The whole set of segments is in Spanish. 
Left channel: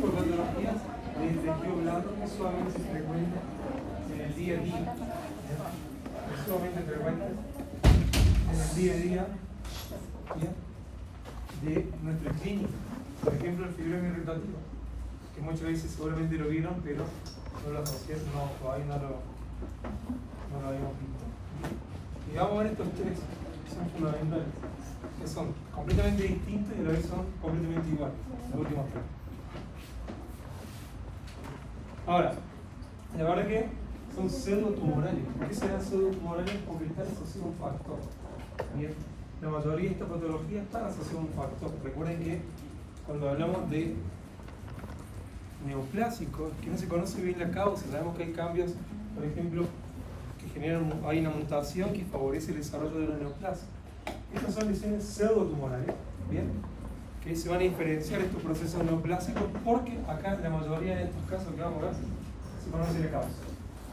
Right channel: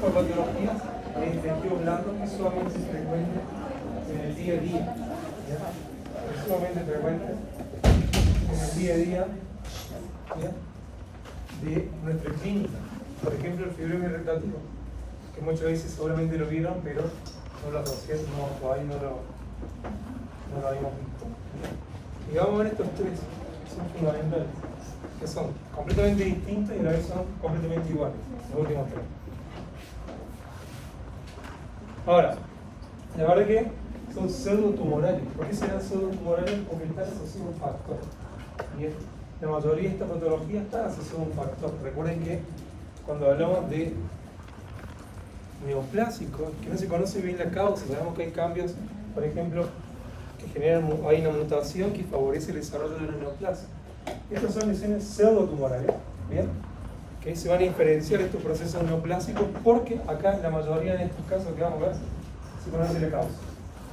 tipo de patologías de intestino blando que es sumamente frecuente en el día a día. ¿Ya? Es sumamente frecuente en el día a día, ¿ya?, de nuestra clínica. Por ejemplo, el fibroma irritativo, que muchas veces seguramente lo vieron, pero no lo asociaron, todavía no lo habíamos visto. Y vamos a ver estos tres, que son fundamentales, que son completamente distintos y a la vez son completamente iguales, los últimos tres. Ahora, la verdad que son pseudotumorales. ¿Por qué serán pseudotumorales? Porque están asociados a un factor. Bien, la mayoría de esta patología está asociada a un factor. Recuerden que cuando hablamos de neoplásicos, que no se conoce bien la causa, sabemos que hay cambios, por ejemplo, que generan, hay una mutación que favorece el desarrollo de una neoplasia. Estas son lesiones pseudotumorales, ¿bien?, que se van a diferenciar estos procesos neoplásicos porque acá en la mayoría de estos casos que vamos a ver se conoce la causa.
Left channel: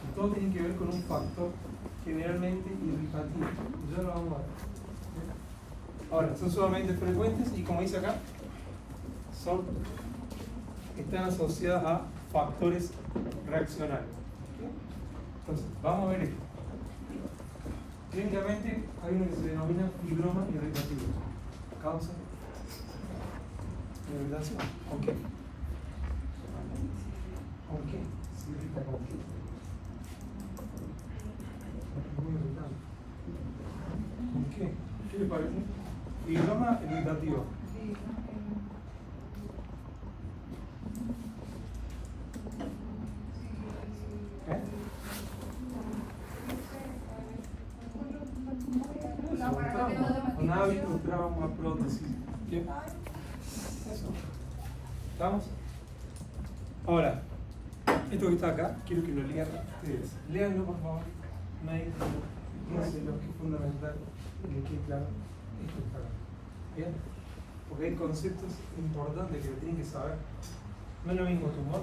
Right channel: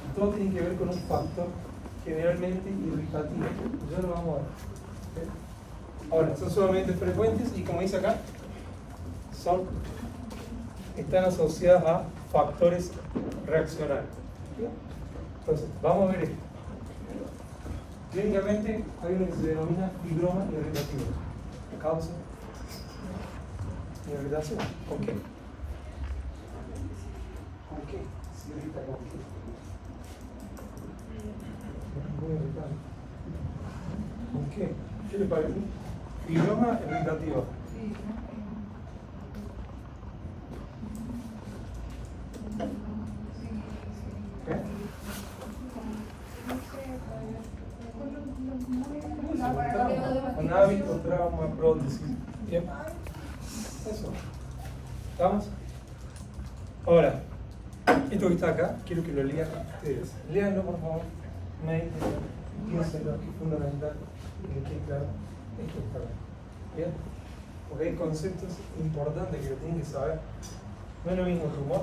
Y todo tiene que ver con un factor generalmente irritativo. Ya lo vamos a ver. ¿Sí? Ahora, son sumamente frecuentes y como dice acá, están asociadas a factores reaccionarios. ¿Sí? Entonces, vamos a ver esto. Clínicamente hay uno que se denomina fibroma irritativo. Causa irritación. ¿Con qué? ¿Con qué se irrita? ¿Con qué? Muy irritante. ¿Con qué? ¿Qué le parece? Fibroma irritativo. ¿Eh? Con hábito, trauma, prótesis. Bien. Eso. ¿Estamos? Ahora, esto que está acá, quiero que lo lean ustedes. Léanlo, por favor. Medítenlo. Piénsenlo, que es fundamental que les quede claro. Esto está acá. ¿Bien? Porque hay conceptos importantes que lo tienen que saber. No es lo mismo tumor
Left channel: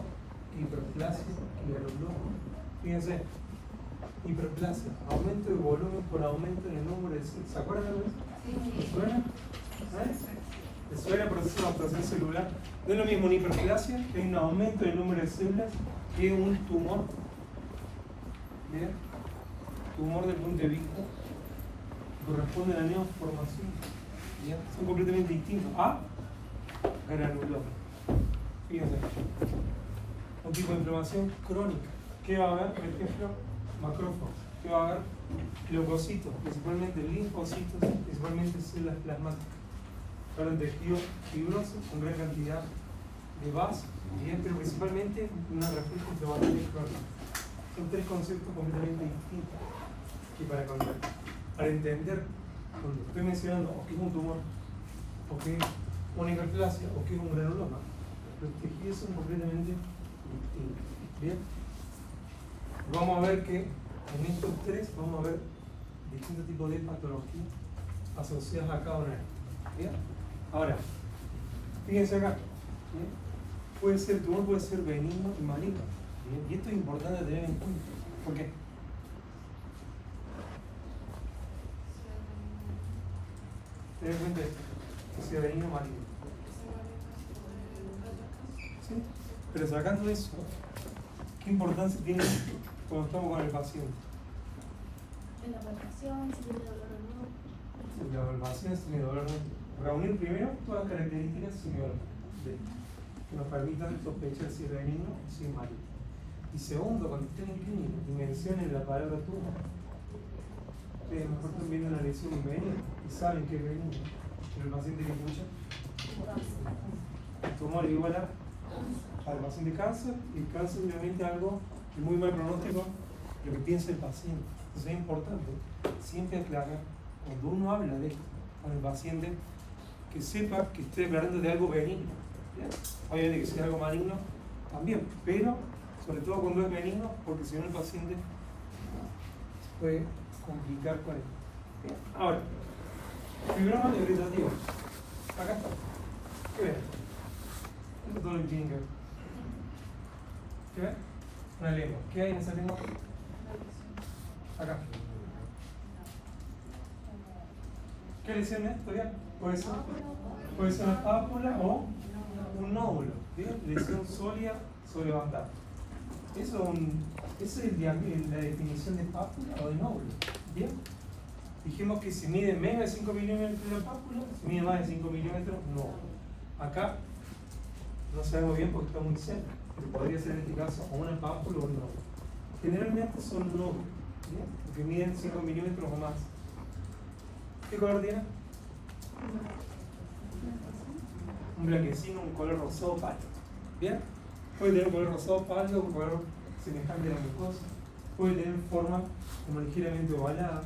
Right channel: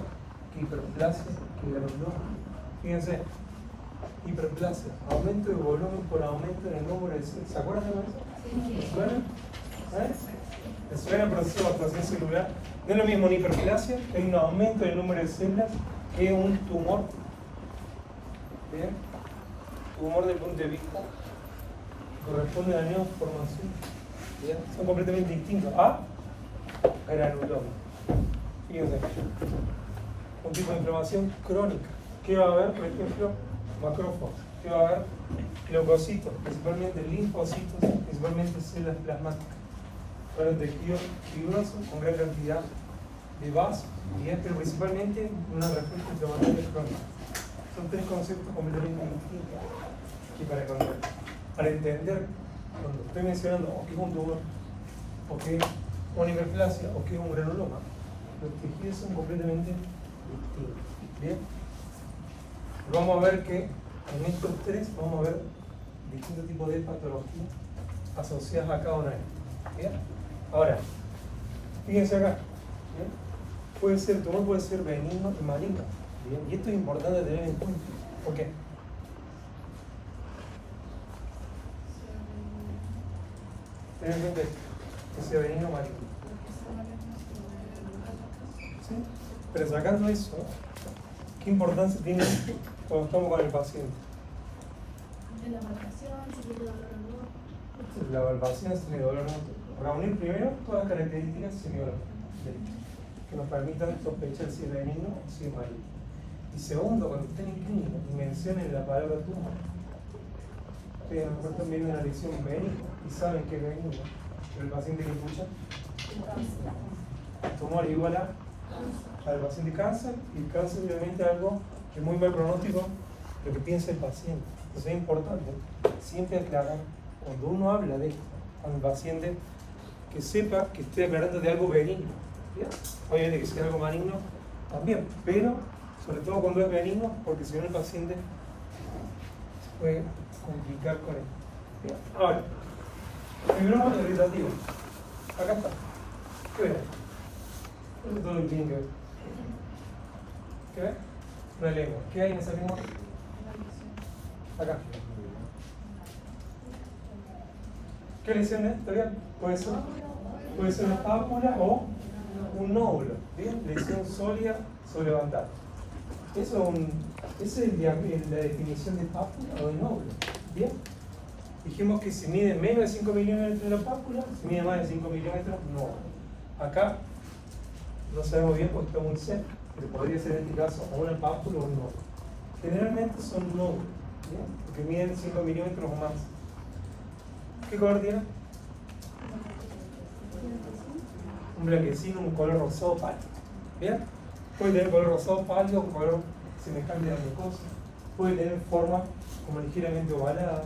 que hiperplasia, que granuloma. Fíjense, hiperplasia, aumento de volumen por aumento en el número de células. ¿Se acuerdan de eso? ¿Les suena? ¿Les suena el proceso de adaptación celular? No es lo mismo una hiperplasia, que hay un aumento del número de células, que un tumor. ¿Bien? Tumor del punto de vista corresponde a la neoformación. ¿Bien? Son completamente distintos a granuloma. Fíjense, un tipo de inflamación crónica. ¿Qué va a haber? Por ejemplo, macrófagos. ¿Qué va a haber? Leucocitos, principalmente linfocitos, principalmente células plasmáticas. Para el tejido fibroso con gran cantidad de vasos, ¿bien?, pero principalmente una respuesta inflamatoria crónica. Son tres conceptos completamente distintos. Y para entender, cuando estoy mencionando o que es un tumor, o que es una hiperplasia, o que es un granuloma, los tejidos son completamente distintos. ¿Bien? Vamos a ver que en estos tres vamos a ver distintos tipos de patologías asociadas a cada una de estas. ¿Bien? Ahora, fíjense acá. ¿Bien? El tumor puede ser benigno y maligno. ¿Bien? Y esto es importante tener en cuenta. ¿Por qué? Tener en cuenta esto, que sea benigno o maligno. ¿Sí? Pero sacando eso, ¿qué importancia tiene cuando estamos con el paciente? La palpación, si tiene dolor o no. La palpación, si tiene dolor o no. Reunir primero todas las características semiológicas que nos permitan sospechar si es benigno o si es maligno. Y segundo, cuando estén en clínica y mencionen la palabra tumor, ustedes a lo mejor están viendo una lesión benigna y saben que es benigno, pero el paciente que escucha, el tumor igual al paciente cáncer, y el cáncer obviamente es algo que es muy mal pronóstico lo que piensa el paciente. Entonces es importante siempre aclarar, cuando uno habla de esto con el paciente, que sepa que estoy aclarando de algo benigno. ¿Bien? Obviamente que sea algo maligno también, pero sobre todo cuando es benigno, porque si no el paciente se puede complicar con él. ¿Bien? Ahora, el fibroma irritativo. Acá está. ¿Qué ven? Eso es todo lo que tienen que ver. ¿Qué ven? Una lengua. ¿Qué hay en esa lengua? Acá. ¿Qué lesión es? ¿Todavía? Puede ser una ápula o un nódulo. Bien, lesión sólida sobre levantar. Eso es la definición de pápula o de nódulo. Bien. Dijimos que si mide menos de 5 milímetros la pápula, si mide más de 5 milímetros, no. Acá no sabemos bien porque está muy cerca, pero podría ser en este caso o una pápula o un nódulo. Generalmente son nódulos, ¿bien? Porque miden 5 milímetros o más. ¿Qué color tiene? Un blanquecino, un color rosado pálido. ¿Bien? Puede tener color rosado pálido, un color semejante a la mucosa. Puede tener forma como ligeramente ovalada.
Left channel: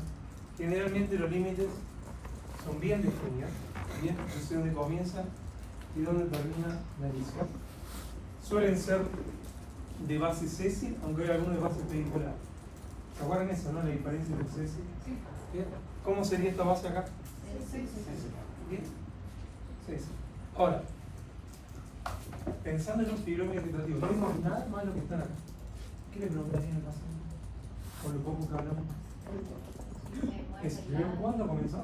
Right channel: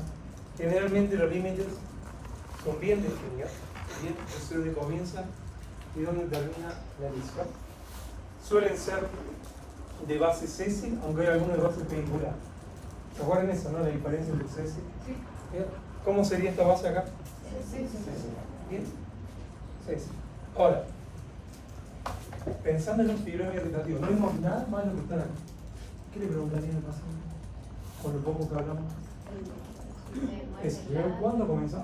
Generalmente los límites son bien definidos. Bien, es donde comienza y donde termina la lesión. Suelen ser de base sésil, aunque hay algunos de base pedicular. ¿Se acuerdan eso, no? La diferencia entre sésil. Sí. ¿Bien? ¿Cómo sería esta base acá? Sí. Bien. Sésil. Ahora, pensando en un fibrón irritativo, no vemos nada malo que estar aquí. ¿Qué le preguntarían al paciente? Por lo poco que hablamos. ¿Cuándo comenzó?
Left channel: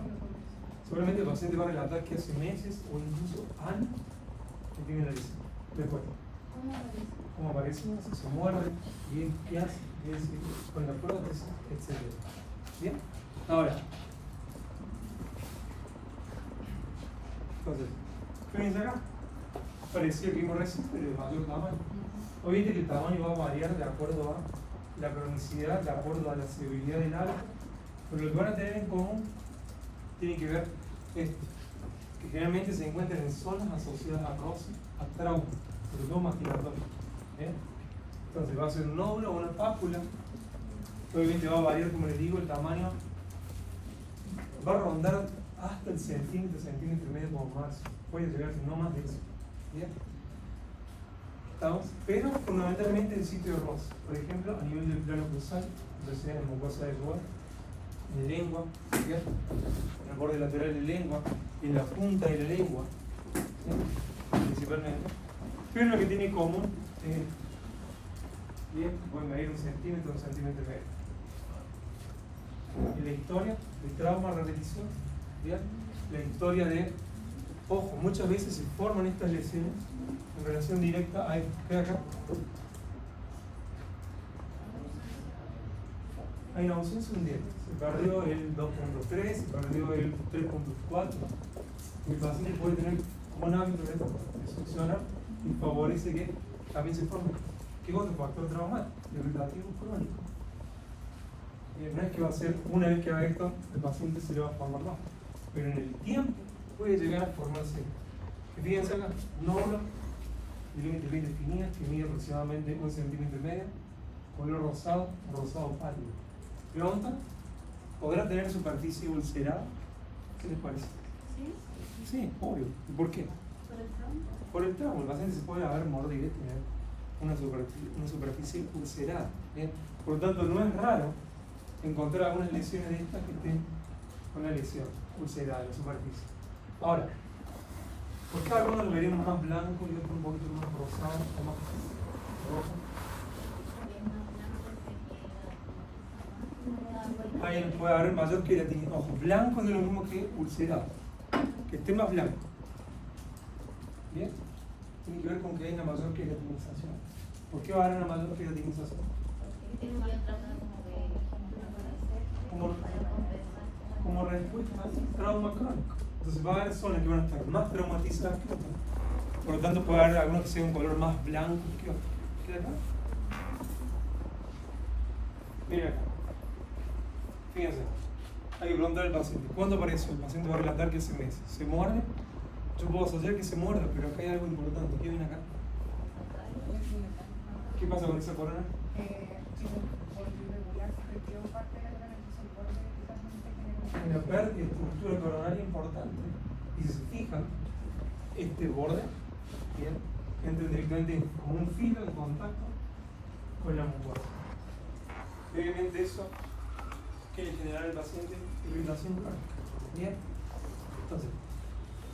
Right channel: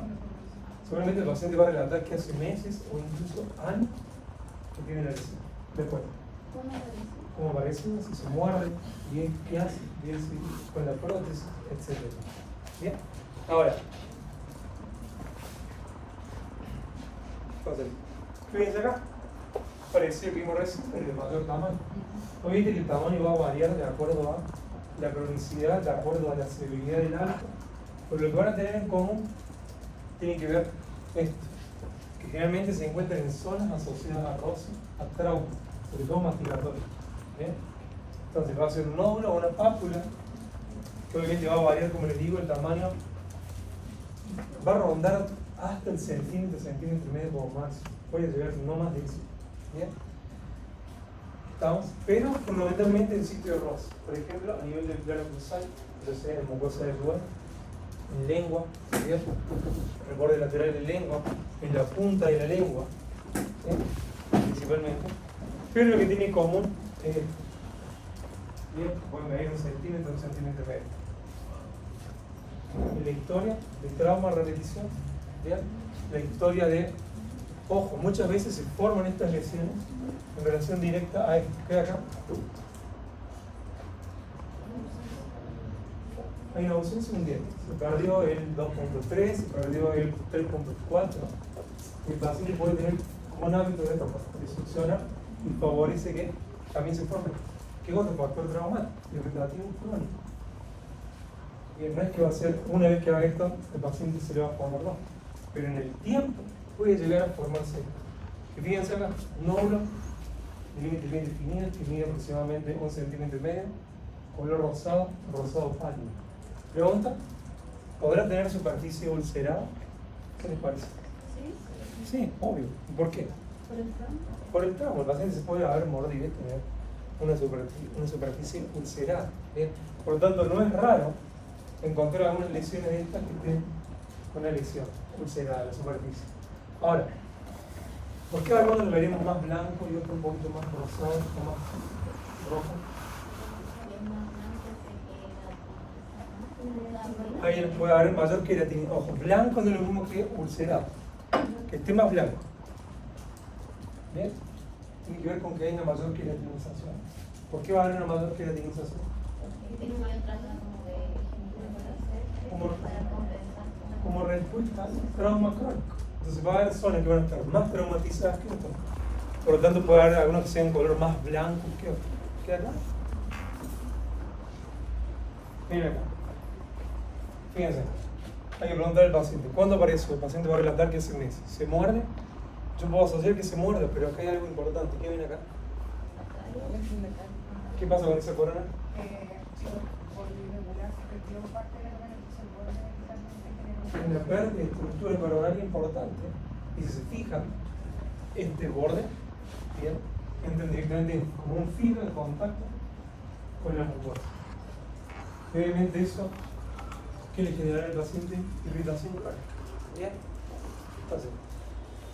Seguramente el paciente va a relatar que hace meses o incluso años que tiene la lesión. Después, ¿cómo parece? Si se muerde, bien, ¿qué hace? Bien, si con la prótesis, etc. ¿Bien? Ahora, entonces, fíjense acá, parecía que vimos recién, pero de mayor tamaño. Obviamente que el tamaño va a variar de acuerdo a la cronicidad, de acuerdo a la severidad del alto, pero lo que van a tener en común tiene que ver esto, que generalmente se encuentran en zonas asociadas a roce, a trauma, sobre todo masticatorio. ¿Bien? Entonces va a ser un nódulo o una pápula, que obviamente va a variar, como les digo, el tamaño va a rondar hasta el centímetro y medio como máximo. Puede llegar no más de eso. ¿Bien? ¿Estamos? Pero fundamentalmente en sitio de roce. Por ejemplo, a nivel del plano cruzal, entonces en mucosa de yugal, en lengua, ¿bien? El borde lateral de la lengua, en la punta de la lengua, ¿bien? Principalmente. Pero lo que tiene en común es esto. Bien, pueden medir 1 centímetro, 1 centímetro y medio. En la historia de trauma repetición, ¿bien? La historia de, ojo, muchas veces se forman estas lesiones en relación directa a esto. ¿Ve acá? Hay una ausencia de un diente. Se perdió el 2.3, se perdió el 3.4. Y el paciente puede tener como un hábito de succiona y favorece que también se forme. ¿Qué otro factor traumático? Irritativo crónico. Y no es que va a ser, una vez que haga esto, el paciente se le va a formar, no. Pero en el tiempo puede llegar a formarse. Y fíjense acá, nódulo de límite bien definido, que mide aproximadamente 1 centímetro y medio, color rosado, rosado pálido. Pregunta, ¿podrá tener superficie ulcerada? ¿Qué les parece? Sí, obvio. ¿Y por qué? ¿Por el trauma? Por el trauma. El paciente se puede haber mordido y tener una superficie ulcerada. ¿Bien? Por lo tanto, no es raro encontrar algunas lesiones de estas que tienen una lesión ulcerada en la superficie. Ahora, ¿por qué algunos lo veremos más blanco y otros un poquito más rosado o más rojo? Ahí puede haber mayor queratina. Ojo, blanco no es lo mismo que ulcerado. Que esté más blanco. ¿Bien? Tiene que ver con que hay una mayor queratinización. ¿Por qué va a haber una mayor queratinización? Como respuesta al trauma crónico. Entonces va a haber zonas que van a estar más traumatizadas que otras. Por lo tanto puede haber algunos que sean color más blanco que otros. ¿Qué acá? Miren acá. Fíjense. Hay que preguntar al paciente. ¿Cuándo aparece? El paciente va a relatar que hace meses. ¿Se muerde? Yo puedo asociar que se muerde, pero acá hay algo importante. ¿Qué viene acá? ¿Qué pasa con esa corona? Hay una pérdida de estructura coronaria importante. Y si se fijan, este borde, ¿bien? Entra directamente como un filo de contacto con la mucosa. Obviamente eso, ¿qué le generará al paciente? Irritación crónica. ¿Bien? Entonces,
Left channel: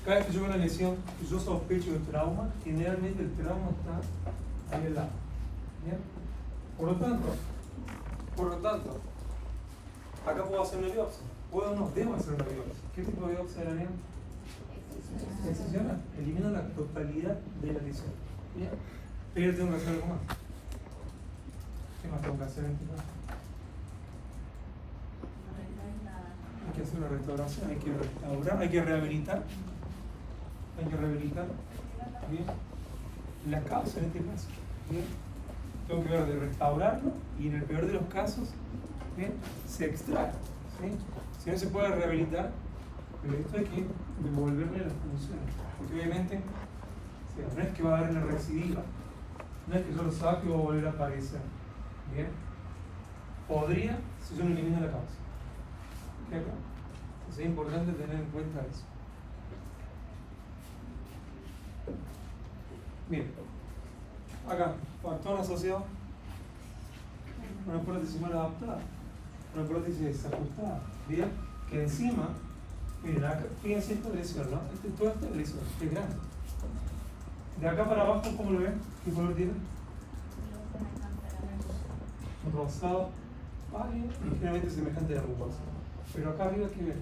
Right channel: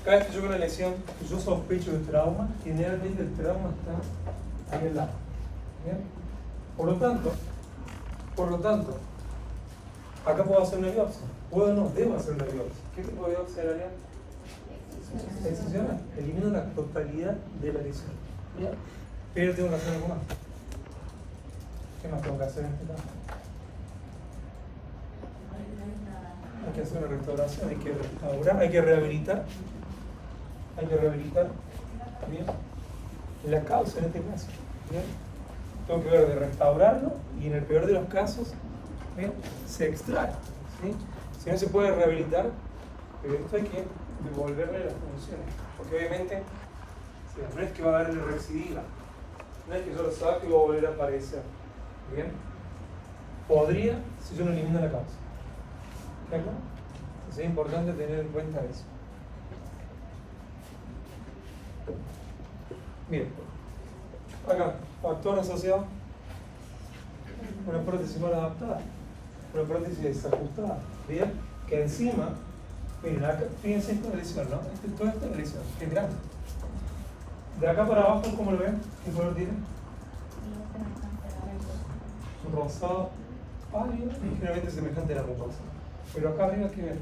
cada vez que yo veo una lesión que yo sospecho de trauma, generalmente el trauma está ahí al lado. ¿Bien? Por lo tanto, acá puedo hacer una biopsia. Puedo no, debo hacer una biopsia. ¿Qué tipo de biopsia haría? Excisional. Elimino la totalidad de la lesión. Bien. Pero tengo que hacer algo más. ¿Qué más tengo que hacer en este caso? Hay que hacer una restauración, hay que restaurar, hay que rehabilitar. Hay que rehabilitar. Bien. La causa en este caso. Bien. Tengo que ver de restaurarlo y en el peor de los casos, bien, se extrae. ¿Sí? Si no se puede rehabilitar, pero esto hay que devolverle las funciones. Porque obviamente, no es que va a haber la recidiva, no es que yo lo saque y va a volver a aparecer. Bien. Podría si yo no elimino la causa. ¿Está claro? Entonces es importante tener en cuenta eso. Miren, acá, factor asociado con una prótesis mal adaptada, una prótesis desajustada. Bien, que encima, miren, acá, fíjense esta lesión, ¿no? Toda esta lesión es grande. De acá para abajo, ¿cómo lo ven? ¿Qué color tiene? Un rosado pálido y generalmente semejante a la mucosa. Pero acá arriba, ¿qué ven?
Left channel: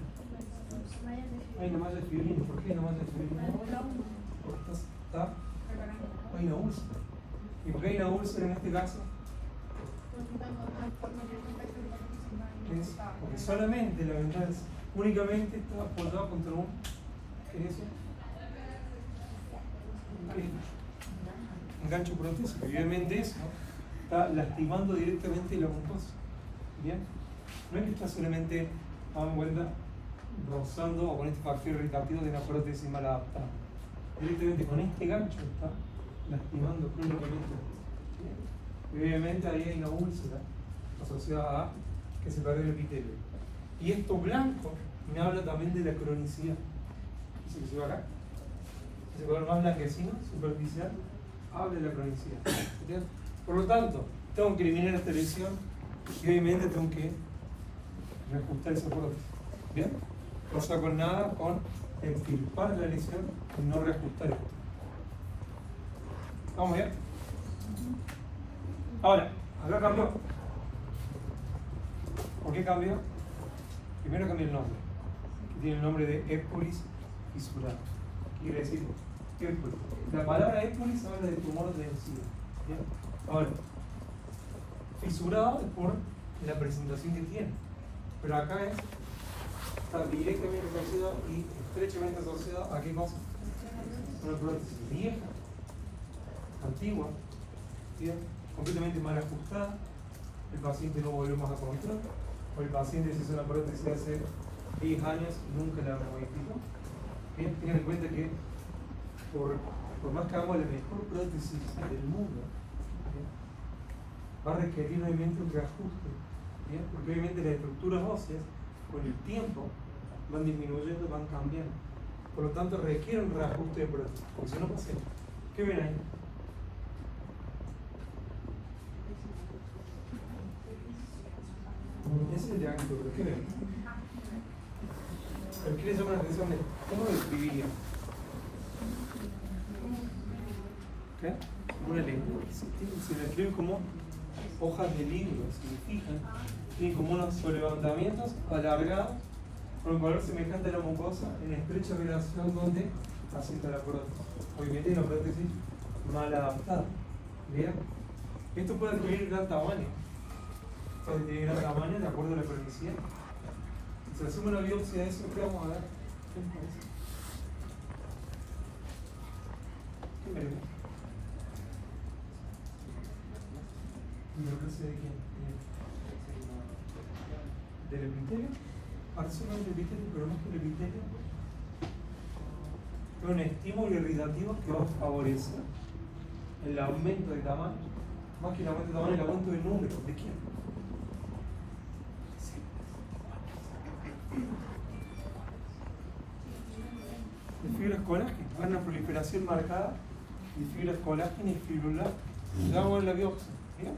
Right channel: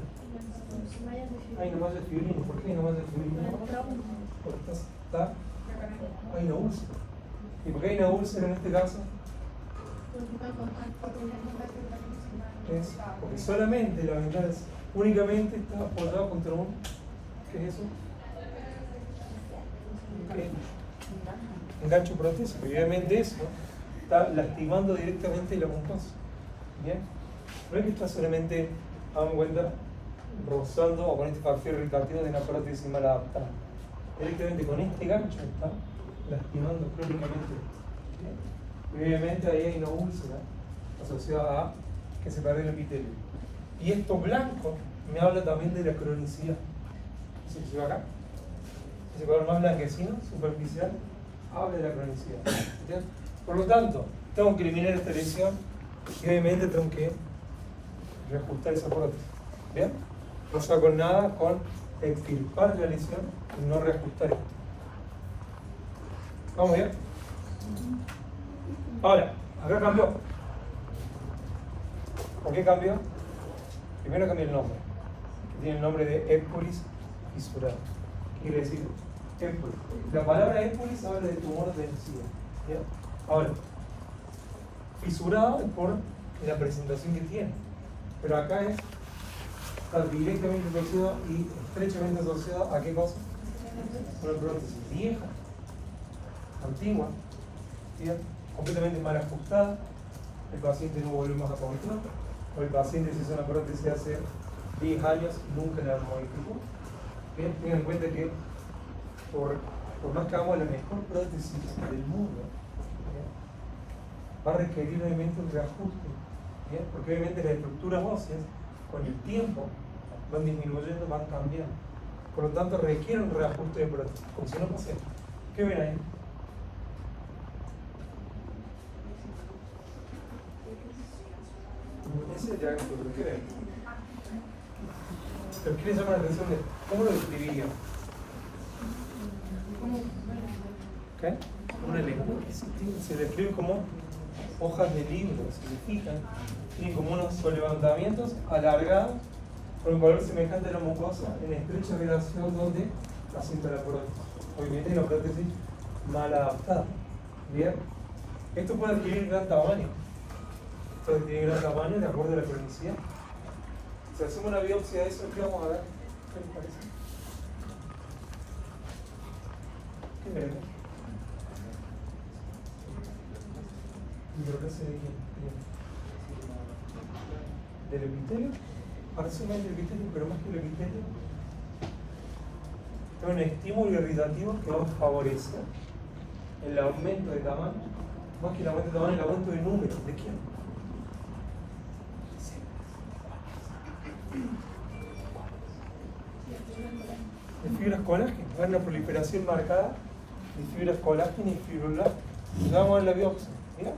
Hay una malla de fibrina. ¿Por qué hay una malla de fibrina? Porque hay una úlcera. ¿Y por qué hay una úlcera en este caso? Es porque solamente la ventana únicamente está apoyada contra un... ¿Qué es eso? ¿Qué? Engancho protésico. Y obviamente eso está lastimando directamente la mucosa. ¿Bien? No es que está solamente, hagan cuenta, rozando o con este factor irritativo de una prótesis mal adaptada. Directamente con este gancho está lastimando crónicamente. ¿Bien? Y obviamente ahí hay una úlcera asociada a que se pierde el epitelio. Y esto blanco me habla también de la cronicidad. ¿Se ve acá? Ese color más blanquecino, superficial, habla de la cronicidad. ¿Entiendes? Por lo tanto, tengo que eliminar esta lesión y obviamente tengo que reajustar esa prótesis. ¿Bien? No saco nada con extirpar la lesión y no reajustar esto. ¿Vamos bien? Ahora, acá cambió. ¿Por qué cambió? Primero cambió el nombre, que tiene el nombre de épulis fisurado. ¿Qué quiere decir épulis? La palabra épulis habla de tumor de encía. ¿Bien? Ahora, fisurado es por la presentación que tiene, pero acá está directamente asociado y estrechamente asociado a qué cosa? A una prótesis vieja, antigua, ¿bien? Completamente mal ajustada, el paciente no volvió más a control, o el paciente se hizo una prótesis hace 10 años y nunca la modificó. Bien, tengan en cuenta que por más que hagamos la mejor prótesis del mundo, ¿bien?, va a requerir obviamente un reajuste, ¿bien?, porque obviamente las estructuras óseas con el tiempo van disminuyendo, van cambiando. Por lo tanto requiere un reajuste de prótesis, porque si no pasa esto. ¿Qué ven ahí? Ese es diagnóstico, pero ¿qué ven? Pero ¿qué les llama la atención de esto? ¿Cómo lo describirían? ¿Qué? Una lengua. Se describen como hojas de libro, si se fijan. Tienen como unos sobrelevantamientos alargados con un color semejante a la mucosa en estrecha relación donde asienta la prótesis. Obviamente es una prótesis mal adaptada. ¿Bien? Esto puede adquirir gran tamaño. Puede adquirir gran tamaño de acuerdo a la cronicidad. Si hacemos una biopsia de eso, ¿qué vamos a ver? ¿Qué les parece? ¿Qué ven? ¿Hidroplasia de quién? ¿Del epitelio? Parece más del epitelio, pero más que el epitelio es un estímulo irritativo que va a favorecer el aumento de tamaño, más que el aumento de tamaño, el aumento de número. ¿De quién? De fibras colágenas, va a haber una proliferación marcada de fibras colágenas y fibroblastos. Ya vamos a ver la biopsia, ¿mira?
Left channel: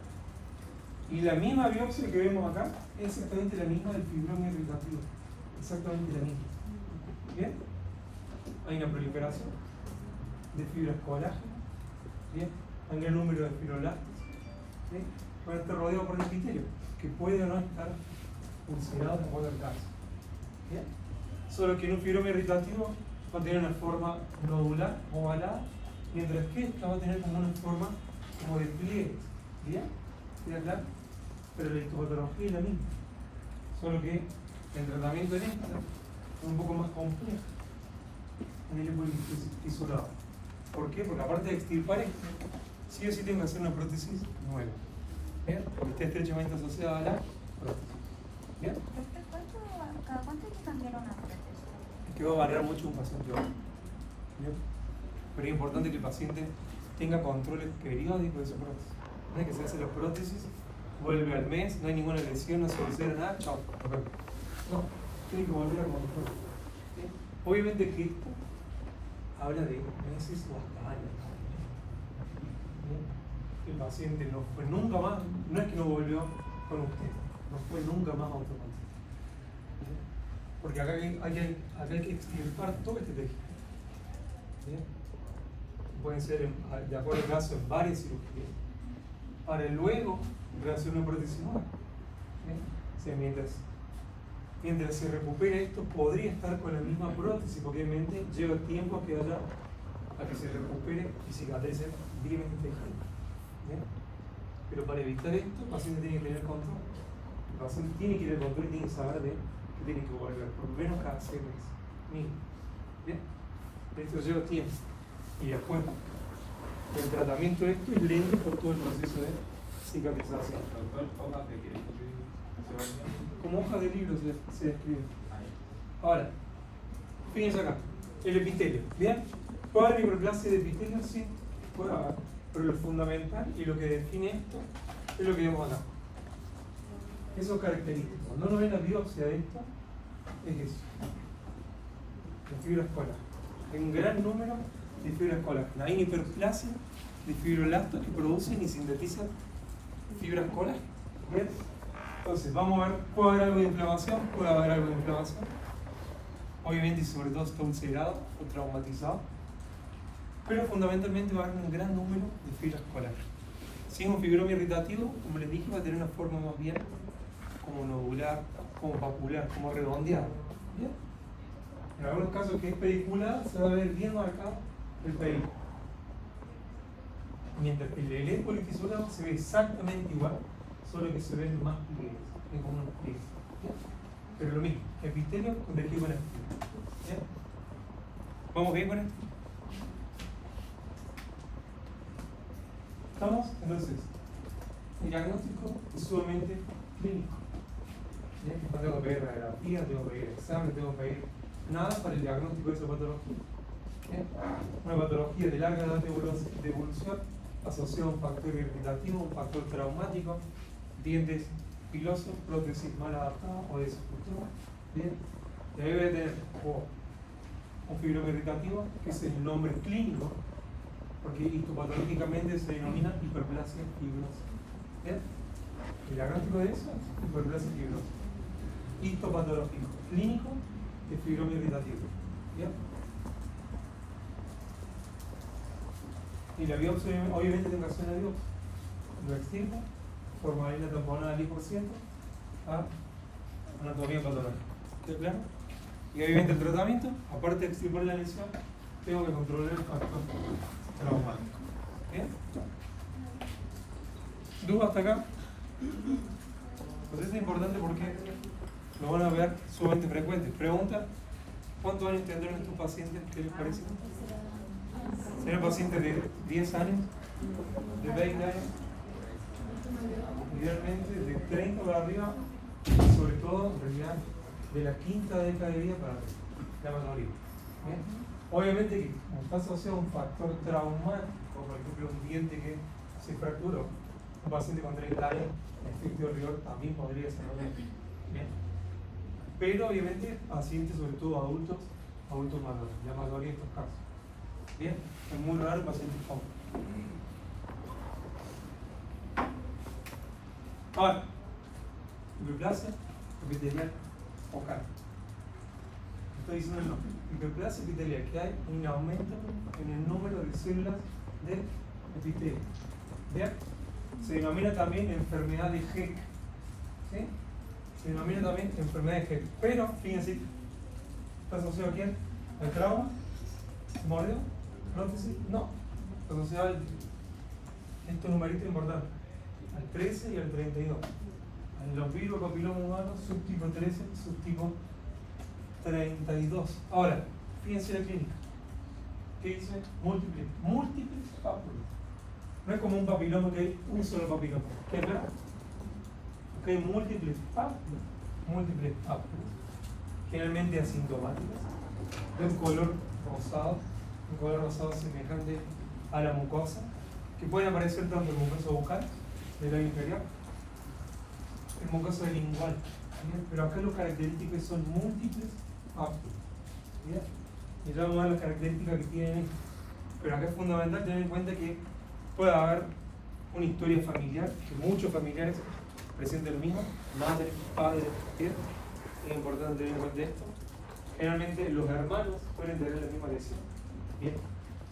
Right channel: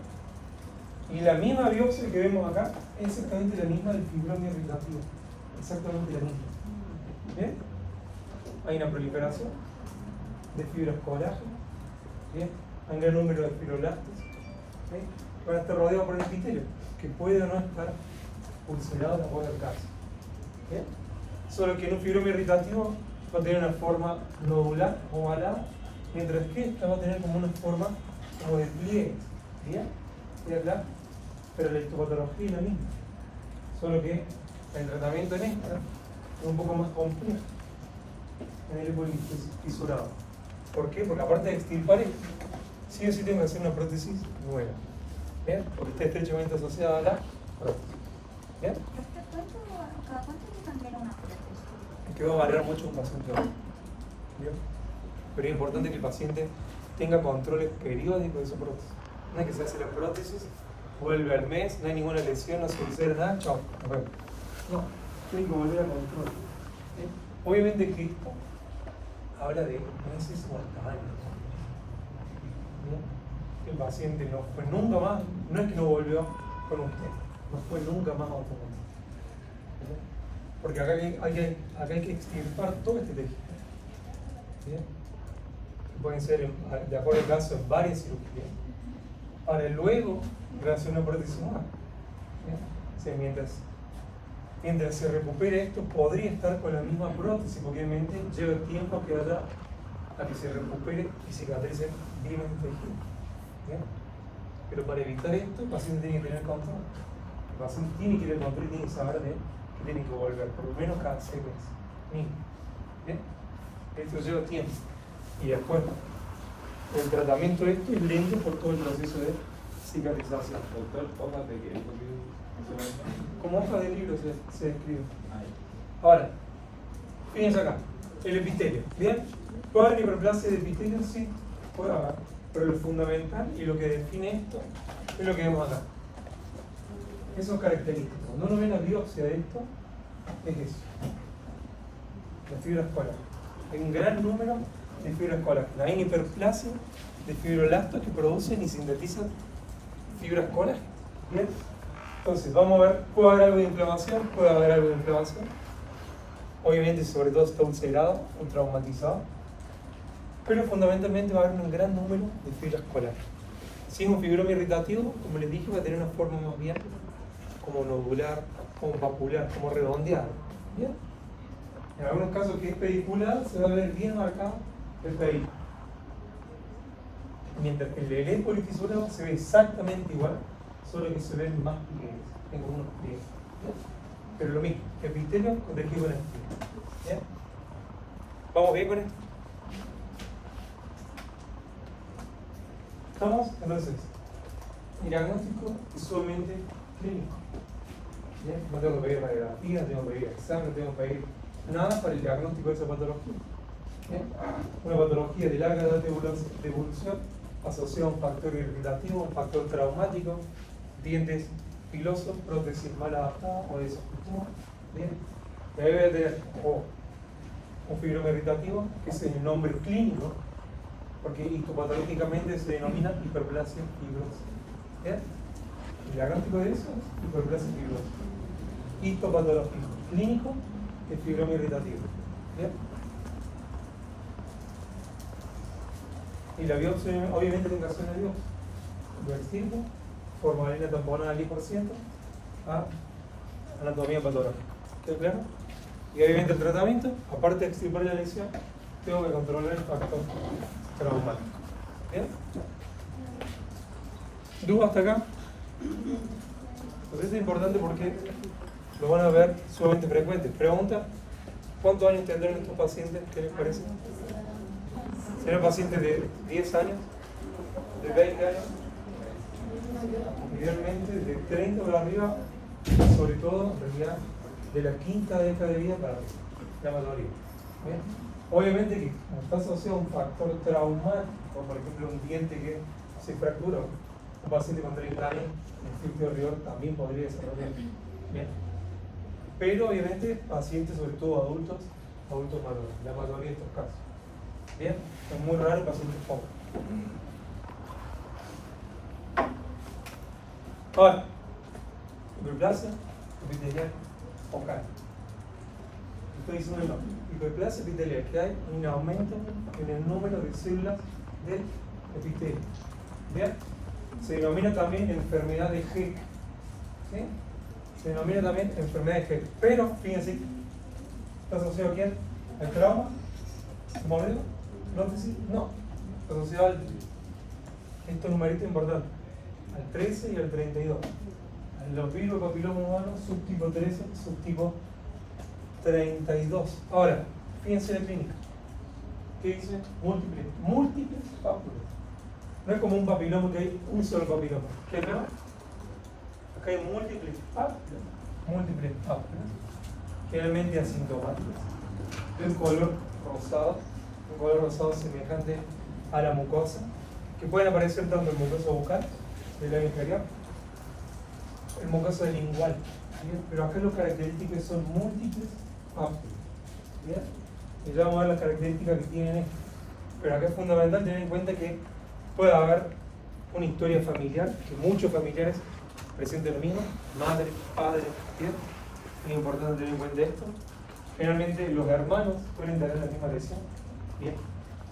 Y la misma biopsia que vemos acá es exactamente la misma del fibroma irritativo, exactamente la misma. ¿Bien? Hay una proliferación de fibras colágenas, ¿bien? Hay un gran número de fibroblastos, ¿bien? Van a estar rodeados por el epitelio, que puede o no estar ulcerado de acuerdo al caso. ¿Bien? Solo que en un fibroma irritativo va a tener una forma nodular, ovalada, Mientras que esta va a tener como una forma como de pliegue. ¿Bien? ¿Y acá? Pero la histopatología es la misma. Solo que el tratamiento en esta es un poco más complejo. En el hipo fisurado. ¿Por qué? Porque aparte de extirpar esto, sí o sí tengo que hacer una prótesis nueva. ¿Bien? Porque está estrechamente asociada a la prótesis. ¿Bien? ¿Cada cuánto necesitan que era una prótesis? Que va a variar mucho un paciente a otro. ¿Bien? Pero es importante que el paciente tenga controles periódicos de su prótesis. No es que se hace la prótesis, vuelve al mes, no hay ninguna lesión, no se ulcera nada, chao, nos vemos. No, tiene que volver a control. ¿Bien? Obviamente que esto habla de meses o hasta años. ¿Bien? El paciente no fue nunca más, no es que no volvió con usted, no fue nunca más a otro control. ¿Bien? Porque acá hay que extirpar todo este tejido. ¿Bien? Pueden ser, de acuerdo al caso, en varias cirugías. Para luego hacer una prótesis nueva. ¿Bien? O sea, mientras se recupere esto, podría estar con la misma prótesis, porque obviamente lleva tiempo a que se recupere y cicatrice bien este tejido. ¿Bien? Pero para evitar esto, el paciente tiene que tener control. El paciente tiene que tener control y tiene que saber que tiene que volver, por lo menos cada 6 meses. Mínimo. ¿Bien? Esto lleva tiempo. Y después, el tratamiento de esto es lento por todo el proceso de cicatrización. Doctor, hojas de que Como hoja de libro se describe. Ahora, fíjense acá, el epitelio. ¿Bien? ¿Puede haber hiperplasia de epitelio? Sí, puede haber. Pero lo fundamental y lo que define esto es lo que vemos acá. Eso es característico. Cuando uno ve la biopsia de esto, es eso. Las fibras colágenas. Hay un gran número de fibras colágenas. Hay una hiperplasia de fibroblastos que producen y sintetizan fibras colágenas. ¿Bien? Entonces, vamos a ver, ¿puede haber algo de inflamación? Puede haber algo de inflamación. Obviamente, sobre todo está ulcerado o traumatizado. Pero fundamentalmente va a haber un gran número de fibras colágenas. Si es un fibroma irritativo, como les dije, va a tener una forma más bien como nodular, como papular, como redondeada. ¿Bien? En algunos casos que es pedicular, se va a ver bien marcado el pedículo. Mientras que el lelé polifisurado se ve exactamente igual, solo que se ven más pliegues, tengo unos pliegues. ¿Bien? Pero lo mismo, epitelio con tejido conectivo. ¿Bien? ¿Vamos bien con esto? ¿Estamos? Entonces, el diagnóstico es sumamente clínico. ¿Bien? No tengo que pedir radiografía, no tengo que pedir examen, no tengo que pedir nada para el diagnóstico de esa patología. ¿Bien? Una patología de larga edad de evolución asociada a un factor irritativo, un factor traumático, dientes filosos, prótesis mal adaptada o desajustada. ¿Bien? Y ahí voy a tener un fibroma irritativo, que es el nombre clínico, porque histopatológicamente se denomina hiperplasia fibrosa. ¿Bien? El diagnóstico de eso es hiperplasia fibrosa. Histopatológico clínico es fibroma irritativo. ¿Bien? Y la biopsia, obviamente tengo que hacer la biopsia. Lo extirpo, formalina tamponada al 10%, a anatomía patológica. ¿Está claro? Y obviamente el tratamiento, aparte de extirpar la lesión, tengo que controlar el factor traumático. ¿Bien? ¿Dudas hasta acá? Pues esto es importante porque lo van a ver sumamente frecuente. Pregunta, ¿cuántos años tendrán estos pacientes? ¿Qué les parece? ¿Serán pacientes de 10 años? ¿De 20 años? Idealmente de 30 para arriba, sobre todo en realidad de la quinta década de vida para la mayoría. ¿Bien? Obviamente que como está asociado a un factor traumático, por ejemplo un diente que se fracturó, un paciente con 30 años, el esfíncter rigor también podría desarrollar. Bien. Pero obviamente pacientes, sobre todo adultos mayores, la mayoría de estos casos. Bien, es muy raro pacientes jóvenes. Ahora, hiperplasia epitelial focal. Estoy diciendo el nombre. Hiperplasia epitelial, que hay un aumento en el número de células del epitelio. Bien, se denomina también enfermedad de Heck. ¿Sí? Se denomina también enfermedad de Heck. Pero, fíjense, ¿está asociado a quién? ¿Al trauma? ¿Modelo? ¿Prótesis? No. asociado estos numeritos importantes, al 13 y al 32. Los virus del papiloma humano, subtipo 13, subtipo 32. Ahora, fíjense la clínica. ¿Qué dice? Múltiples pápulas. No es como un papiloma que hay un solo papiloma. ¿Qué acá? Acá hay múltiples pápulas, generalmente asintomáticas. Un color rosado semejante a la mucosa, que pueden aparecer tanto en mucosa bucal, del labio inferior, en mucosa lingual. ¿Bien? Pero acá los característicos son múltiples pápulas. ¿Bien? Y ya vamos a ver las características que tienen esto. Pero acá es fundamental tener en cuenta que puede haber una historia familiar, que muchos familiares presenten lo mismo, madre, padre, ¿bien? Es importante tener en cuenta esto. Generalmente los hermanos suelen tener la misma lesión, ¿bien?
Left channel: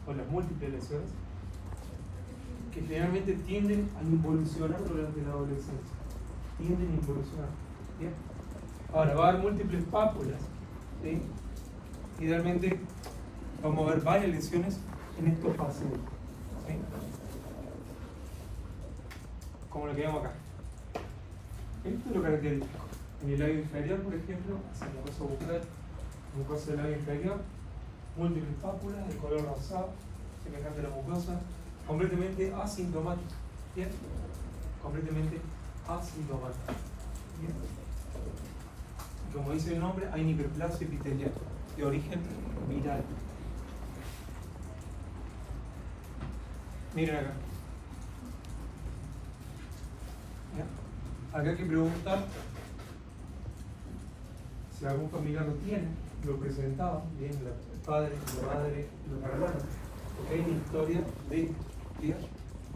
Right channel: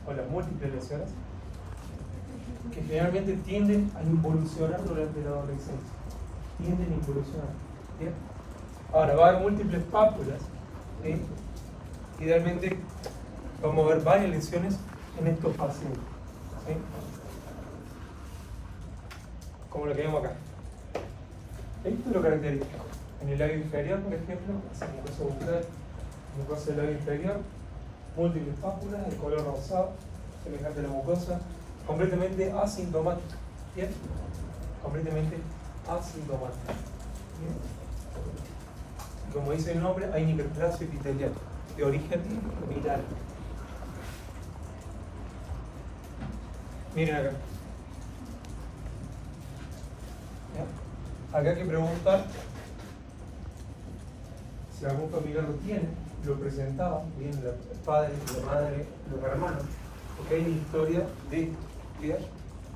O las múltiples lesiones, que generalmente tienden a involucionar durante la adolescencia. Tienden a involucionar, ¿bien? Ahora, va a haber múltiples pápulas, ¿sí? Idealmente vamos a ver varias lesiones en estos pacientes, ¿sí? Como lo que vemos acá. Esto es lo característico. En el labio inferior, por ejemplo, mucosa bucal, mucosa del labio inferior, múltiples pápulas de color rosado, semejante a la mucosa, completamente asintomática. ¿Bien? Completamente asintomática. ¿Bien? Y como dice el nombre, hay hiperplasia epitelial de origen viral. Miren acá. ¿Ya? Acá hay que preguntar si algún familiar lo tiene, lo presentaba, bien, el padre, la madre, los hermanos, porque hay una historia de estudiar,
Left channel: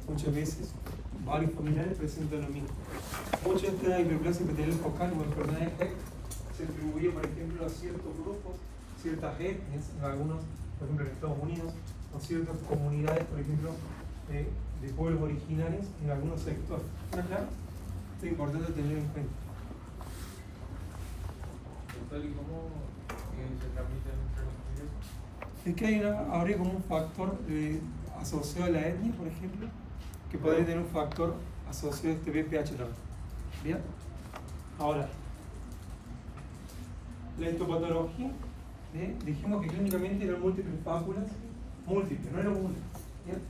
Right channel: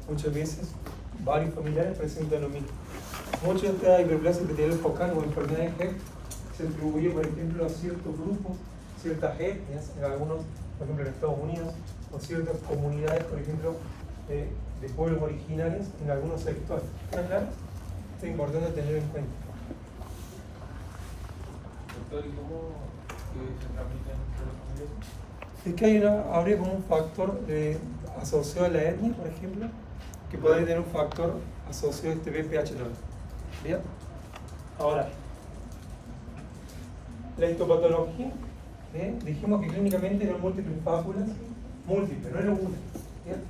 muchas veces varios familiares presentan lo mismo. Muchas de estas hiperplasia epitelial focal o enfermedades de se atribuye, por ejemplo, a ciertos grupos, ciertas etnias, en algunos, por ejemplo, en Estados Unidos, o ciertas comunidades, por ejemplo, de pueblos originarios en algunos sectores. ¿Está claro? Esto es importante tener en cuenta. ¿Y cómo se transmiten entre los familiares? Es que habría como un factor asociado a la etnia, por ejemplo, que podría tener un factor asociado a este BPH también. ¿Bien? Ahora, la histopatología, dijimos que clínicamente eran múltiples pápulas, múltiples, no era una. ¿Bien?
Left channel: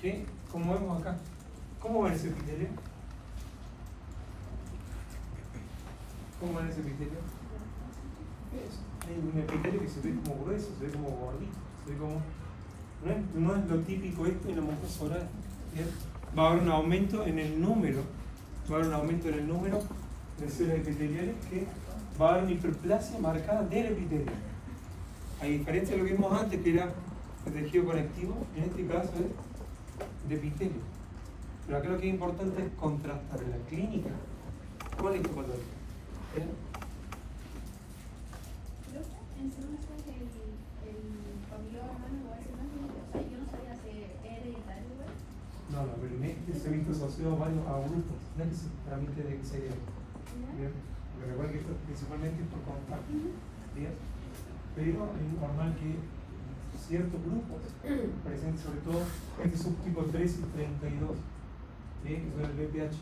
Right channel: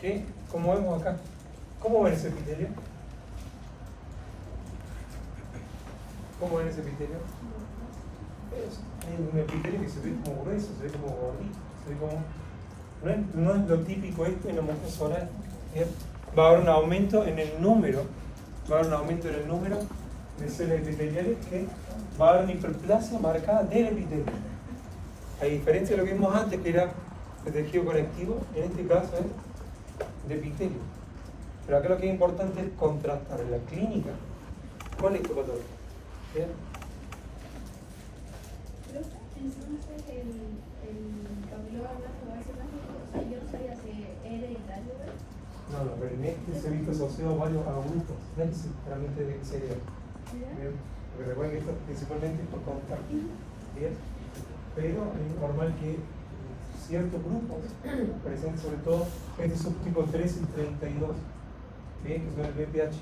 ¿Qué? Como vemos acá. ¿Cómo ven ese epitelio? ¿Cómo ven ese epitelio? Es un epitelio que se ve como grueso, se ve como gordito, se ve como... No es lo típico esto en la mucosa oral. ¿Bien? Va a haber un aumento en el número, de células epiteliales, que va a haber una hiperplasia marcada del epitelio. A diferencia de lo que vimos antes, que era el tejido conectivo, en este caso es de epitelio. Pero acá lo que es importante es contrastar la clínica con la histopatología. ¿Bien? Entonces el papiloma humano va a ser más, o sea, yo no sabía si es hereditario, ¿verdad? No, pero en este se ha visto asociado a varios grupos, no es que se transmite del cerebro. Bien, porque recuerden que esto es principalmente por contacto. Bien, pero es normal que ciertos grupos presenten sobre todo este subtipo 13 y 32, bien, que son el BPH,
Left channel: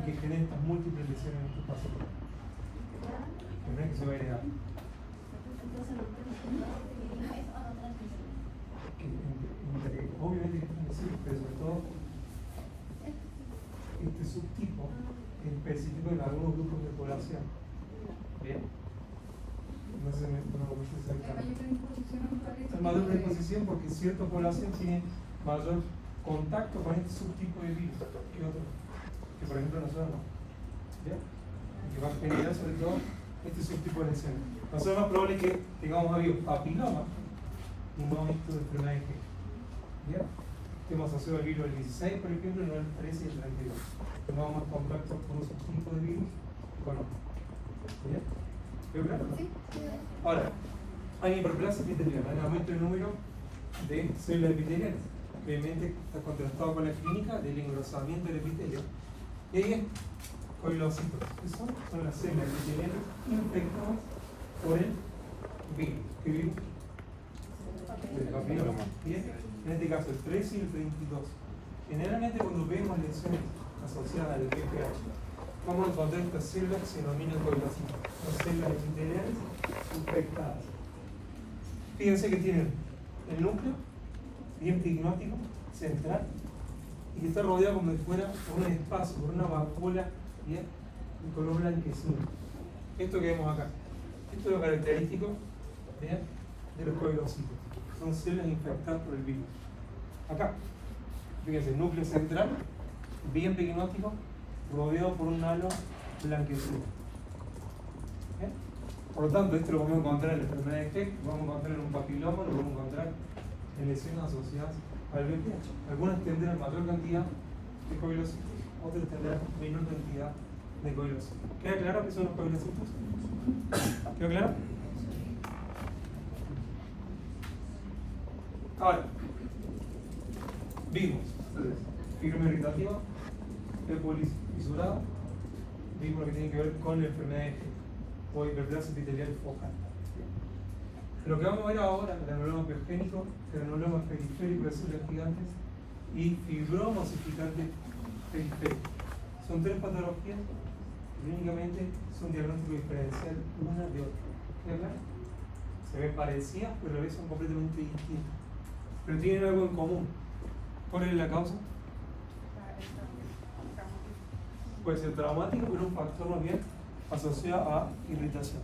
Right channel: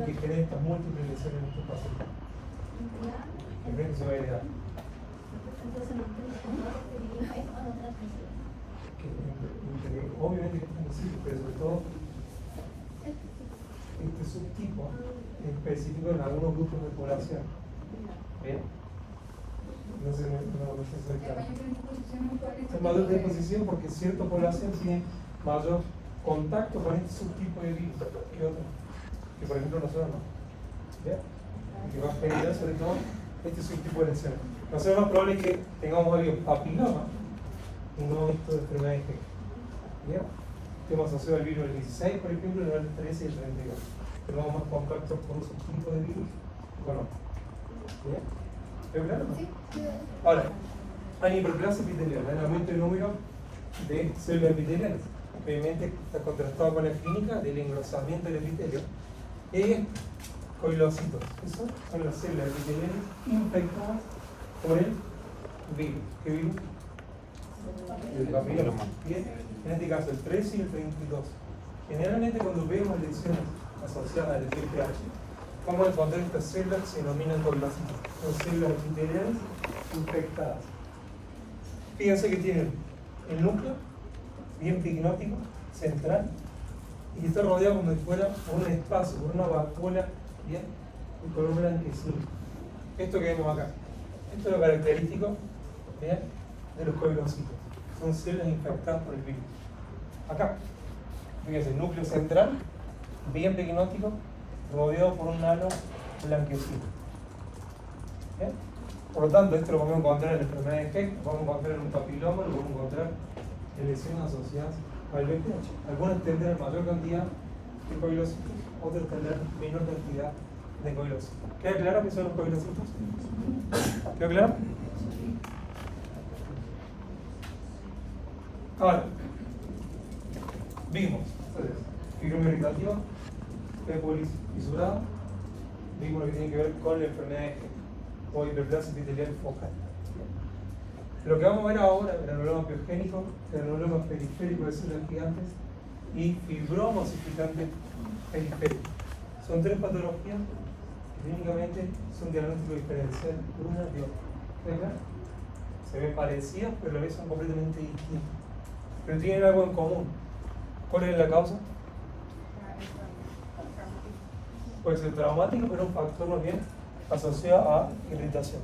y que generan estas múltiples lesiones en estos pacientes. No es que se va a heredar. Entonces no entiendo, ¿es o no transmisión? Obviamente que es transmisible, pero sobre todo este subtipo es específico en algunos grupos de población. ¿Bien? No sé si es claro. Es mayor predisposición porque cierta población tiene mayor contacto con este subtipo de virus que otros, que por ejemplo nosotros no. ¿Bien? Y que va a generar sobre todo este subtipo de lesiones. Nosotros es más probable que tengamos habido papiloma y no hemos visto enfermedades de ¿bien? Estemos asociados al virus del 16, por ejemplo, y no el 13 y el 32. Tenemos más contacto con un subtipo de virus o no. ¿Bien? ¿Veo claro? Sí. Ahora, hay hiperplasia epitelial, hay un aumento del número de células epiteliales. Obviamente está contrastado con la clínica del engrosamiento del epitelio. Y hay coilocitos. Eso son las células epiteliales infectadas por el virus. ¿Qué virus? El papiloma. Bien. en este caso el 13 y el 32. Generalmente cuando vemos lesiones asociadas al VPH, vamos a encontrar estas células que se denominan condrocitos. Son células epiteliales infectadas. Fíjense que tienen el núcleo bien pigmentótico, central, y que está rodeado como si fuera por un espacio, por una vacuola bien de color blanquecino. Esto que vemos acá, esto es lo característico bien, de los coilocitos. Son células infectadas por el virus. Acá, fíjense, el núcleo central, bien pigmentótico, rodeado por un halo blanquecino. ¿Bien? Por lo tanto, esto lo vamos a encontrar en la enfermedad de Heck, lo vamos a encontrar en un papiloma, lo vamos a encontrar en lesiones asociadas al VPH. Algunas tendrán mayor cantidad de coilocitos, otras tendrán menor cantidad de coilocitos. ¿Queda claro qué son los coilocitos? ¿Quedó claro? Ahora, vimos fibroma irritativa, ébolis fisurada, vimos lo que tiene que ver con la enfermedad de Heck o hiperplasia epitelial focal. Lo que vamos a ver ahora, granuloma piogénico, granuloma periférico de células gigantes y fibroma osificante periférico. Son tres patologías que únicamente son diagnóstico diferencial una de otra. ¿Queda claro? Se ven parecidas, pero a la vez son completamente distintas. Pero tienen algo en común. ¿Cuál es la causa? Puede ser traumático, pero un factor no bien asociado a irritación.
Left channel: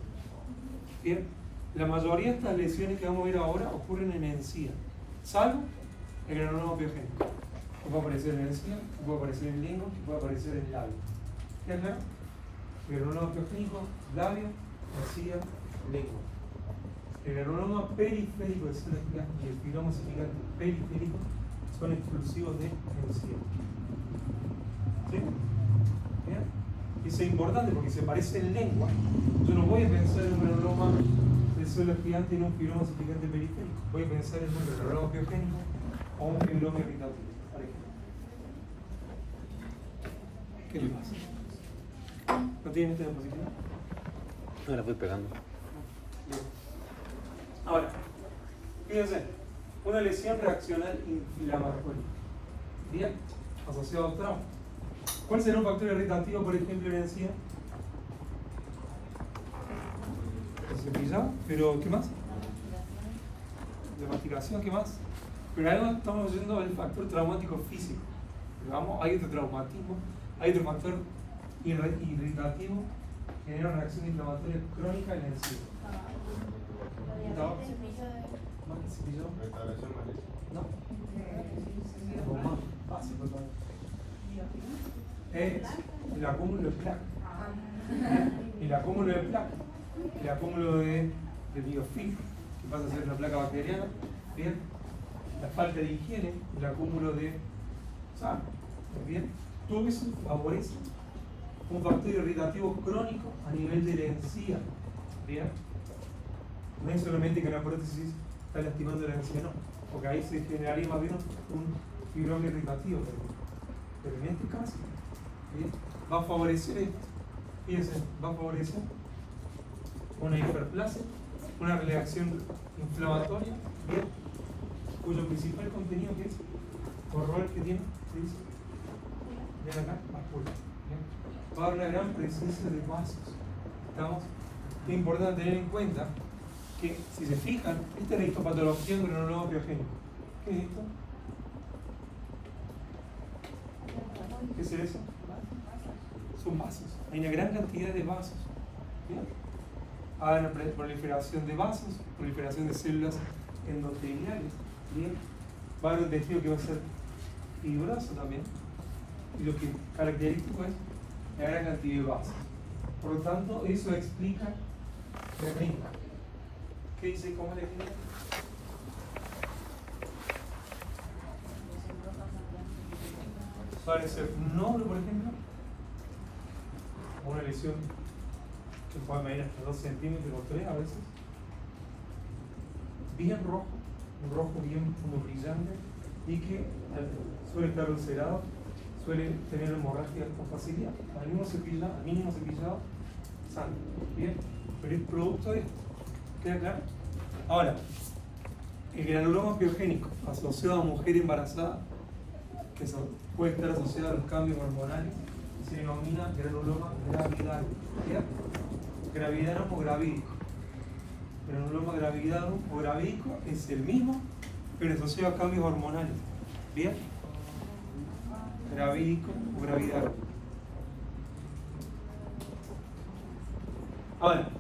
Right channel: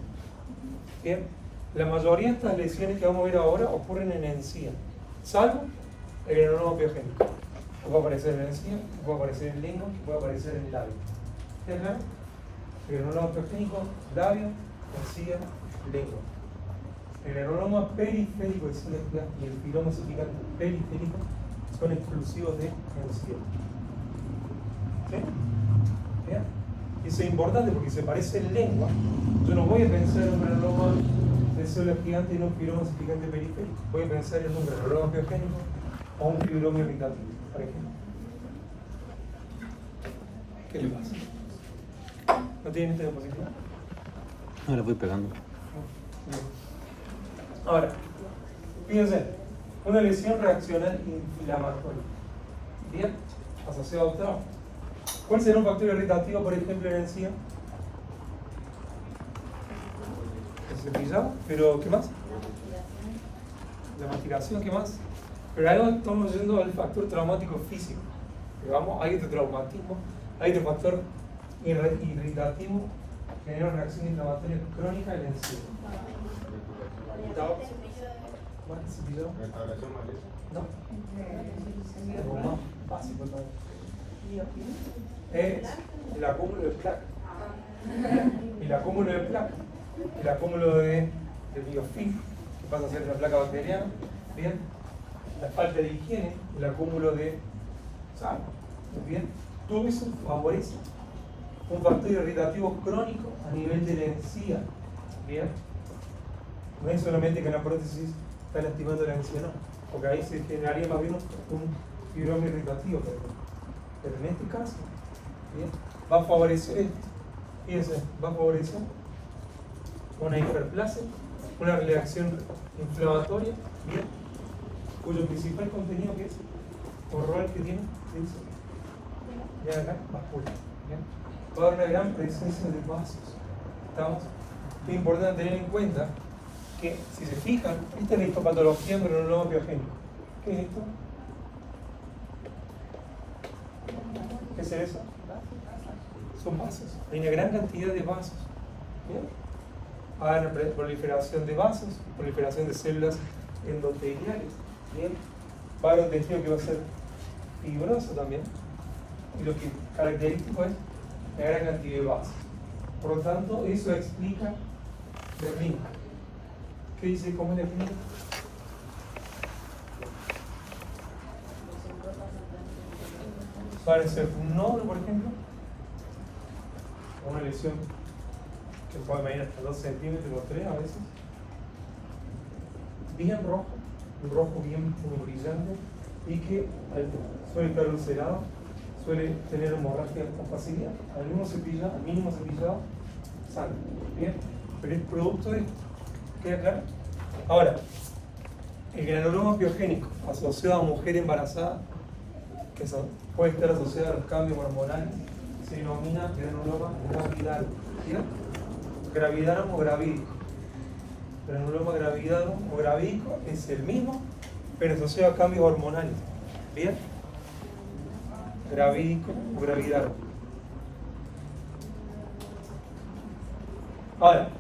Bien, la mayoría de estas lesiones que vamos a ver ahora ocurren en encía, salvo el granuloma piogénico, que puede aparecer en encía, que puede aparecer en lengua, que puede aparecer en labio. ¿Qué es claro? El granuloma piogénico, labio, encía, lengua. El granuloma periférico de células gigantes y el fibroma osificante periférico son exclusivos de encía. ¿Sí? ¿Bien? Y eso es importante porque se parece en lengua. Yo no voy a pensar en un granuloma de células gigantes y en un fibroma osificante periférico. Voy a pensar en un granuloma piogénico o un fibroma irritativo, por ejemplo. ¿Qué le pasa? ¿No tiene esta diapositiva? No la voy pegando. Ahora, fíjense, una lesión reaccional inflamatoria. Bien, asociado al trauma. ¿Cuál será un factor irritativo, por ejemplo, en encía? El cepillado, pero ¿qué más? La masticación, ¿qué más? Pero algo estamos yendo al factor traumático físico. Pero vamos, hay este traumatismo, hay este factor irritativo que genera una reacción inflamatoria crónica en la encía. ¿Cepillado? Restauración maleza. No. Como más básico todavía. Es el acúmulo de placa. El acúmulo de placa. El acúmulo de biofilm, que pasa a ser una placa bacteriana. Bien. La falta de higiene, el acúmulo de sarro. Bien. Todo eso favorece un factor irritativo crónico a nivel de la encía. Bien. No es solamente que la prótesis está lastimando la encía, no. Porque ahí se generaría más bien un fibroma irritativo, por ejemplo. Pero en este caso, ¿bien? Va a favorecer esto. Fíjense, va a favorecer una hiperplasia, una reacción inflamatoria, ¿bien? Cuyo principal contenido que es, o rol que tiene, ¿qué dice? Vean acá, vascular, ¿bien? Va a haber una gran presencia de vasos. ¿Estamos? Es importante tener en cuenta que, si se fijan, esta es la histopatología en granuloma piogénico. ¿Qué es esto? ¿Qué es eso? Son vasos. Hay una gran cantidad de vasos. ¿Bien? Hay una proliferación de vasos, proliferación de células endoteliales. ¿Bien? Va a haber un tejido que va a ser fibroso también. Y lo que característico es la gran cantidad de vasos. Por lo tanto, eso explica la clínica. ¿Qué dice? ¿Cómo es la clínica? Puede ser un nódulo, por ejemplo, o una lesión que puede medir hasta 2 centímetros o 3 a veces, bien rojo, un rojo bien como brillante, y que suele estar ulcerado, suele tener hemorragia con facilidad. Al mínimo cepillado, sangre. Bien, pero es producto de esto. ¿Queda claro? Ahora, el granuloma piogénico asociado a mujer embarazada, que puede estar asociado a los cambios hormonales, se denomina granuloma gravidarum. Gravidarum o gravídico. Granuloma gravidarum o gravídico es el mismo, pero asociado a cambios hormonales. ¿Bien? Gravídico o gravidarum. Ahora,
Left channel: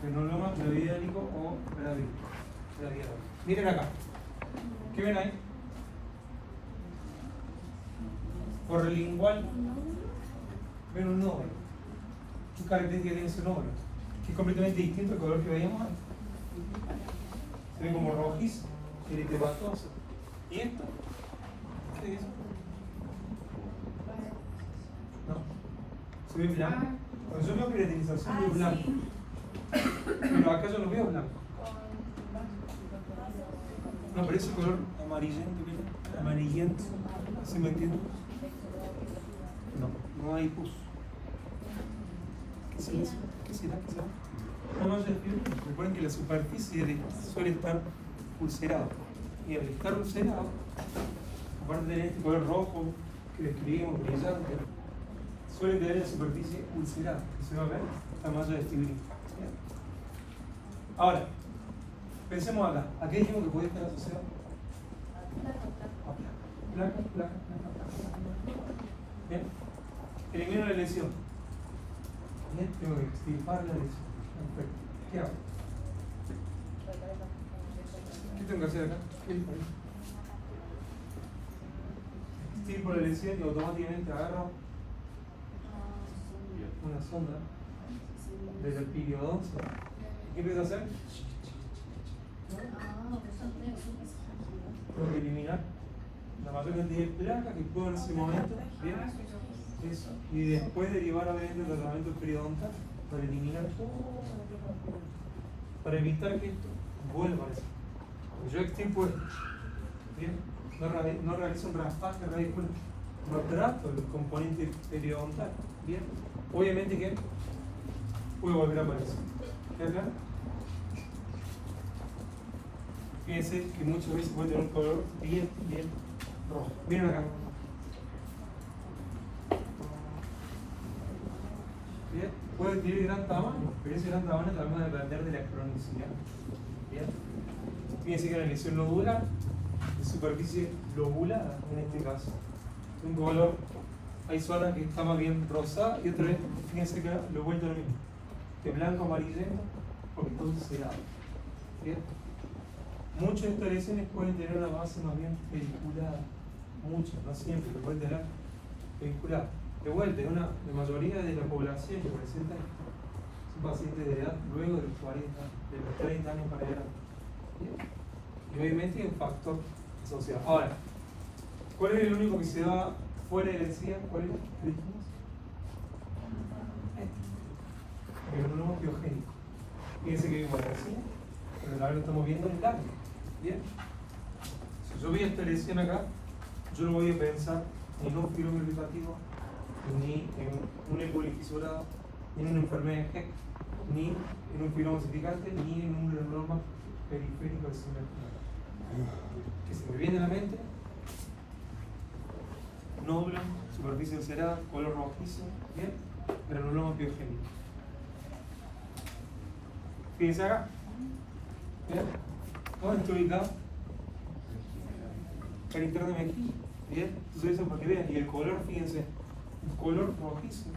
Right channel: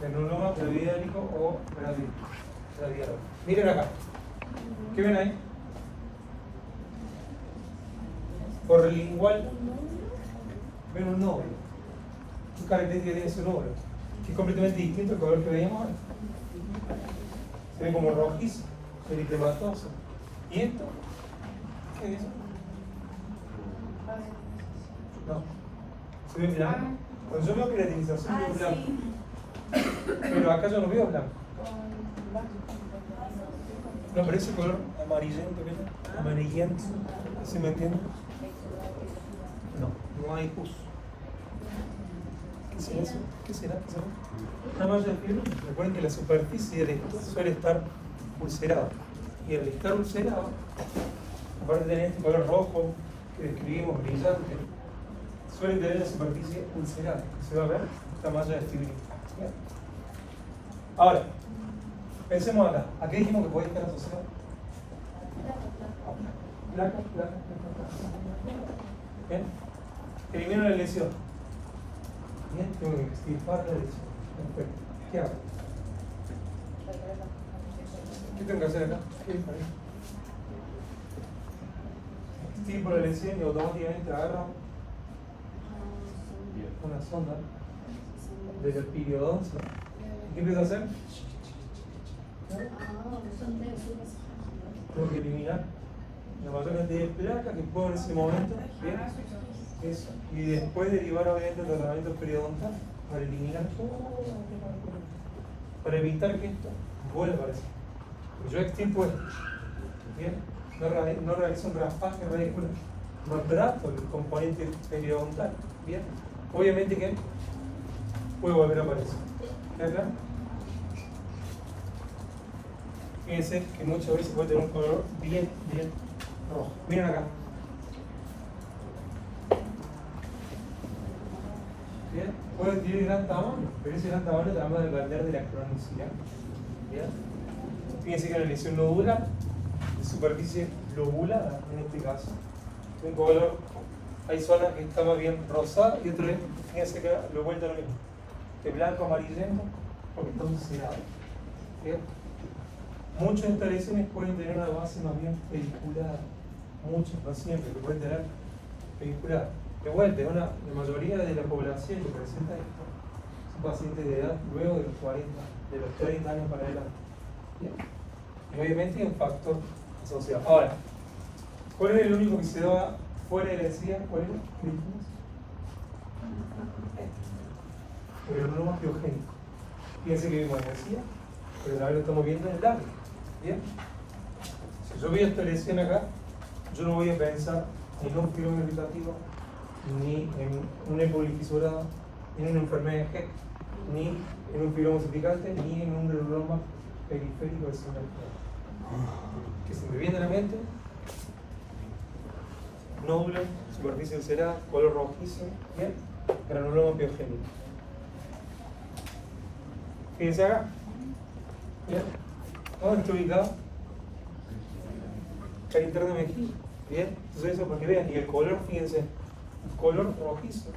granuloma gravidárico o gravidarum. Miren acá. ¿Qué ven ahí? Porlingual. Ven un nódulo. ¿Qué característica tiene ese nódulo? Que es completamente distinto al color que veíamos antes. Se ve como rojizo, eritematoso. ¿Y esto? ¿Qué es eso? No. Se ve blanco. Cuando yo veo queratinización veo blanco. Pero acá yo no veo blanco. No, pero ese color amarillento, ¿verdad? Amarillento. ¿Se me entiende? No hay pus. ¿Qué será eso? ¿Qué será? Una malla de fibra. Recuerden que la superficie de esto suele estar ulcerada. Y al estar ulcerada, aparte de tener este color rojo que describimos brillante, suele tener la superficie ulcerada. Se va a ver esta malla de fibrina. Bien. Ahora, pensemos acá. ¿A qué dijimos que podía estar asociado? Placa. Bien. Elimino la lesión. Bien, tengo que extirpar la lesión. Perfecto. ¿Qué hago? ¿Qué tengo que hacer acá? Extirpo la lesión y automáticamente agarro una sonda desde el periodoncia. ¿Qué empiezo a hacer? Tengo que eliminar la mayor cantidad de placa que puedo en ese momento. Bien. Eso. Y después derivar obviamente el tratamiento periodontal para eliminar toda la placa. Para evitar que esto vuelva a aparecer. Porque yo extirpo esto. Bien. No realizo un raspaje radicular. No trato el componente periodontal. Bien. Obviamente que puede volver a aparecer. ¿Queda claro? Fíjense que muchas veces puede tener un color bien rojo. Miren acá. Bien. Puede adquirir gran tamaño, pero ese gran tamaño te va a depender de la cronicidad. Bien. Fíjense que la lesión nodular, de superficie lobulada en este caso, un color, hay zonas que está más bien rosada y otras, fíjense que lo he vuelto lo mismo, que blanco amarillento porque está ulcerado. Bien. Muchas de estas lesiones pueden tener una base más bien pediculada, muchas, no siempre, pero pueden tener pediculada. De vuelta, la mayoría de la población que presenta esto son pacientes de edad luego de los 40, de los 30 años para adelante. Y obviamente es un factor asociado. Ahora, ¿cuál era el único que se daba fuera de la encía? ¿Cuál era? ¿Qué dijimos? Pero no más biogénico. Fíjense que vimos la encía, pero ahora lo estamos viendo en largo. Bien. Si yo veo esta lesión acá, yo no voy a pensar ni en un filón irritativo, ni en una polifisurada, ni en una enfermedad de Heck, ni en un filón osificante, ni en un granuloma periférico de superficie. Que se me viene a la mente, nódulo, superficie ulcerada, color rojizo, bien, granuloma biogénico. Fíjense acá. Bien. ¿Dónde está ubicado? Cara interna de mejilla. Bien, entonces eso para que vean. Y el color, fíjense, un color rojizo,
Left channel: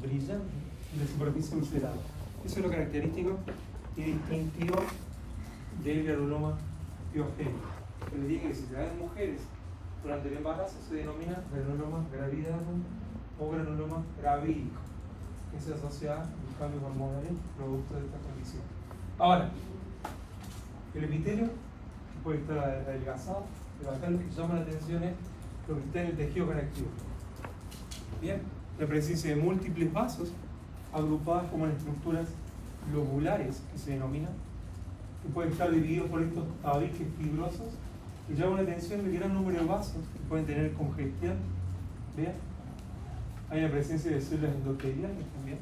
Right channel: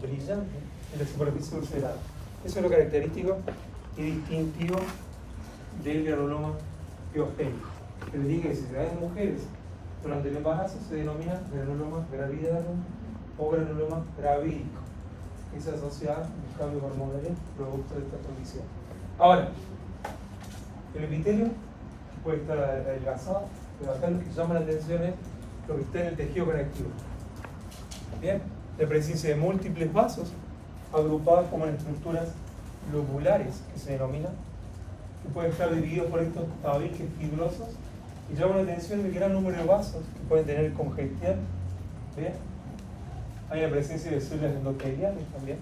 brillante, en la superficie ulcerada. Eso es lo característico y distintivo del granuloma biogénico. Que les dije que si se da en mujeres durante el embarazo se denomina granuloma gravidarum o granuloma gravídico. Es asociado a los cambios hormonales producto de esta condición. Ahora, el epitelio puede estar adelgazado, pero acá lo que llama la atención es lo que está en el tejido conectivo. Bien, la presencia de múltiples vasos agrupados como en estructuras lobulares, que se denominan, que pueden estar divididos por estos tabiques fibrosos, y llama la atención el gran número de vasos que pueden tener congestión. Bien, hay la presencia de células endoteliales también,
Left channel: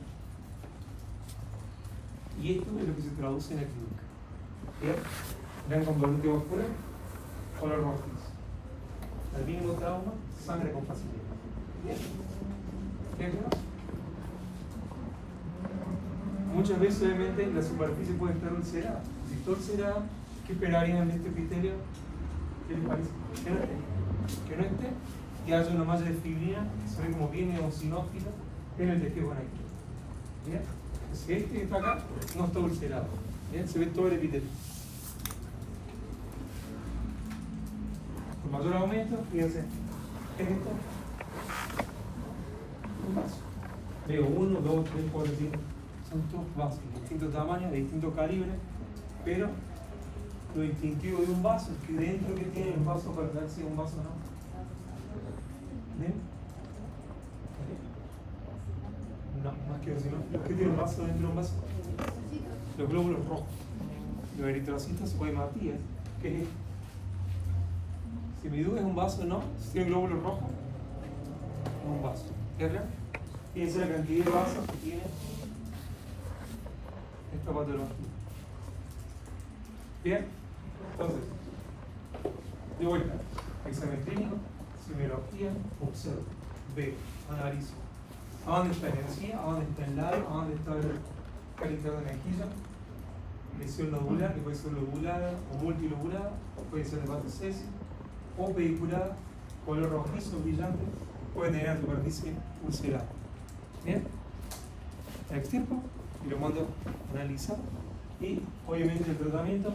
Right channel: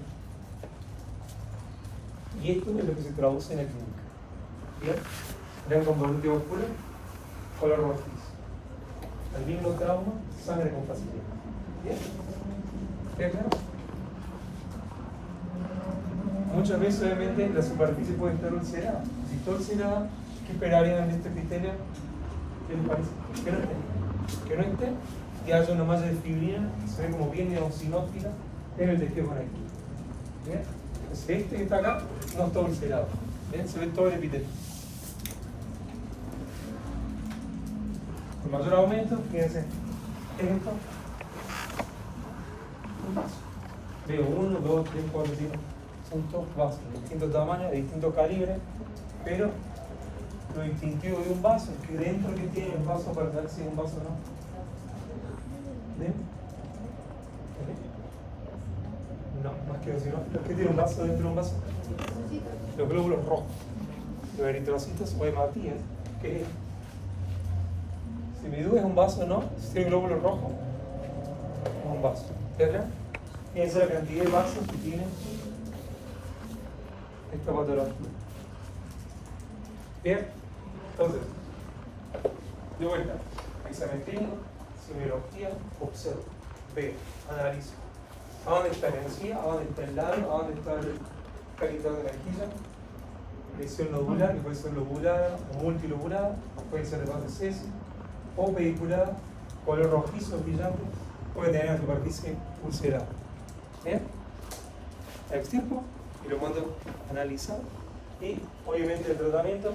y esto es lo que se traduce en la clínica. Bien, gran componente vascular, color rojizo. El mínimo trauma, sangre con facilidad. ¿Bien? ¿Bien claro? Muchas veces obviamente la superficie puede estar ulcerada. Si está ulcerada, ¿qué esperarían de este epitelio? ¿Qué les parece? Que no esté. Que no esté, que haya una malla de fibrina, que se ve como bien eosinófila en el tejido conectivo. ¿Bien? Entonces este que está acá no está ulcerado. ¿Bien? Se ve todo el epitelio. Con mayor aumento, fíjense, ¿qué es esto? Un vaso. Veo 1, 2, 3, 4, 5. Son todos vasos de distintos tamaños, de distintos calibres, pero lo distintivo de un vaso es que dentro que tiene el vaso para saber si es un vaso o no. ¿Ven? No, más que decir, ¿no? ¿Qué tiene un vaso dentro de un vaso? Los glóbulos rojos, los eritrocitos o hematías. ¿Qué es esto? Si mi duda es un vaso o no, si tiene glóbulos rojos, es un vaso. ¿Verdad? Fíjense la cantidad de vasos que tiene esta patología. Bien, entonces, de vuelta, examen clínico, semiología, observo, veo, analizo. ¿A dónde está la encía? ¿A dónde está el labio? ¿A dónde está el carito de la mejilla? Lesión nodular, que puede ser lobulada o multilobulada, puede ser de base sesi, o pediculada, color rojizo, brillante, puede tener la superficie ulcerada. ¿Bien? La extirpo y lo mando a analizar. Y obviamente el tratamiento,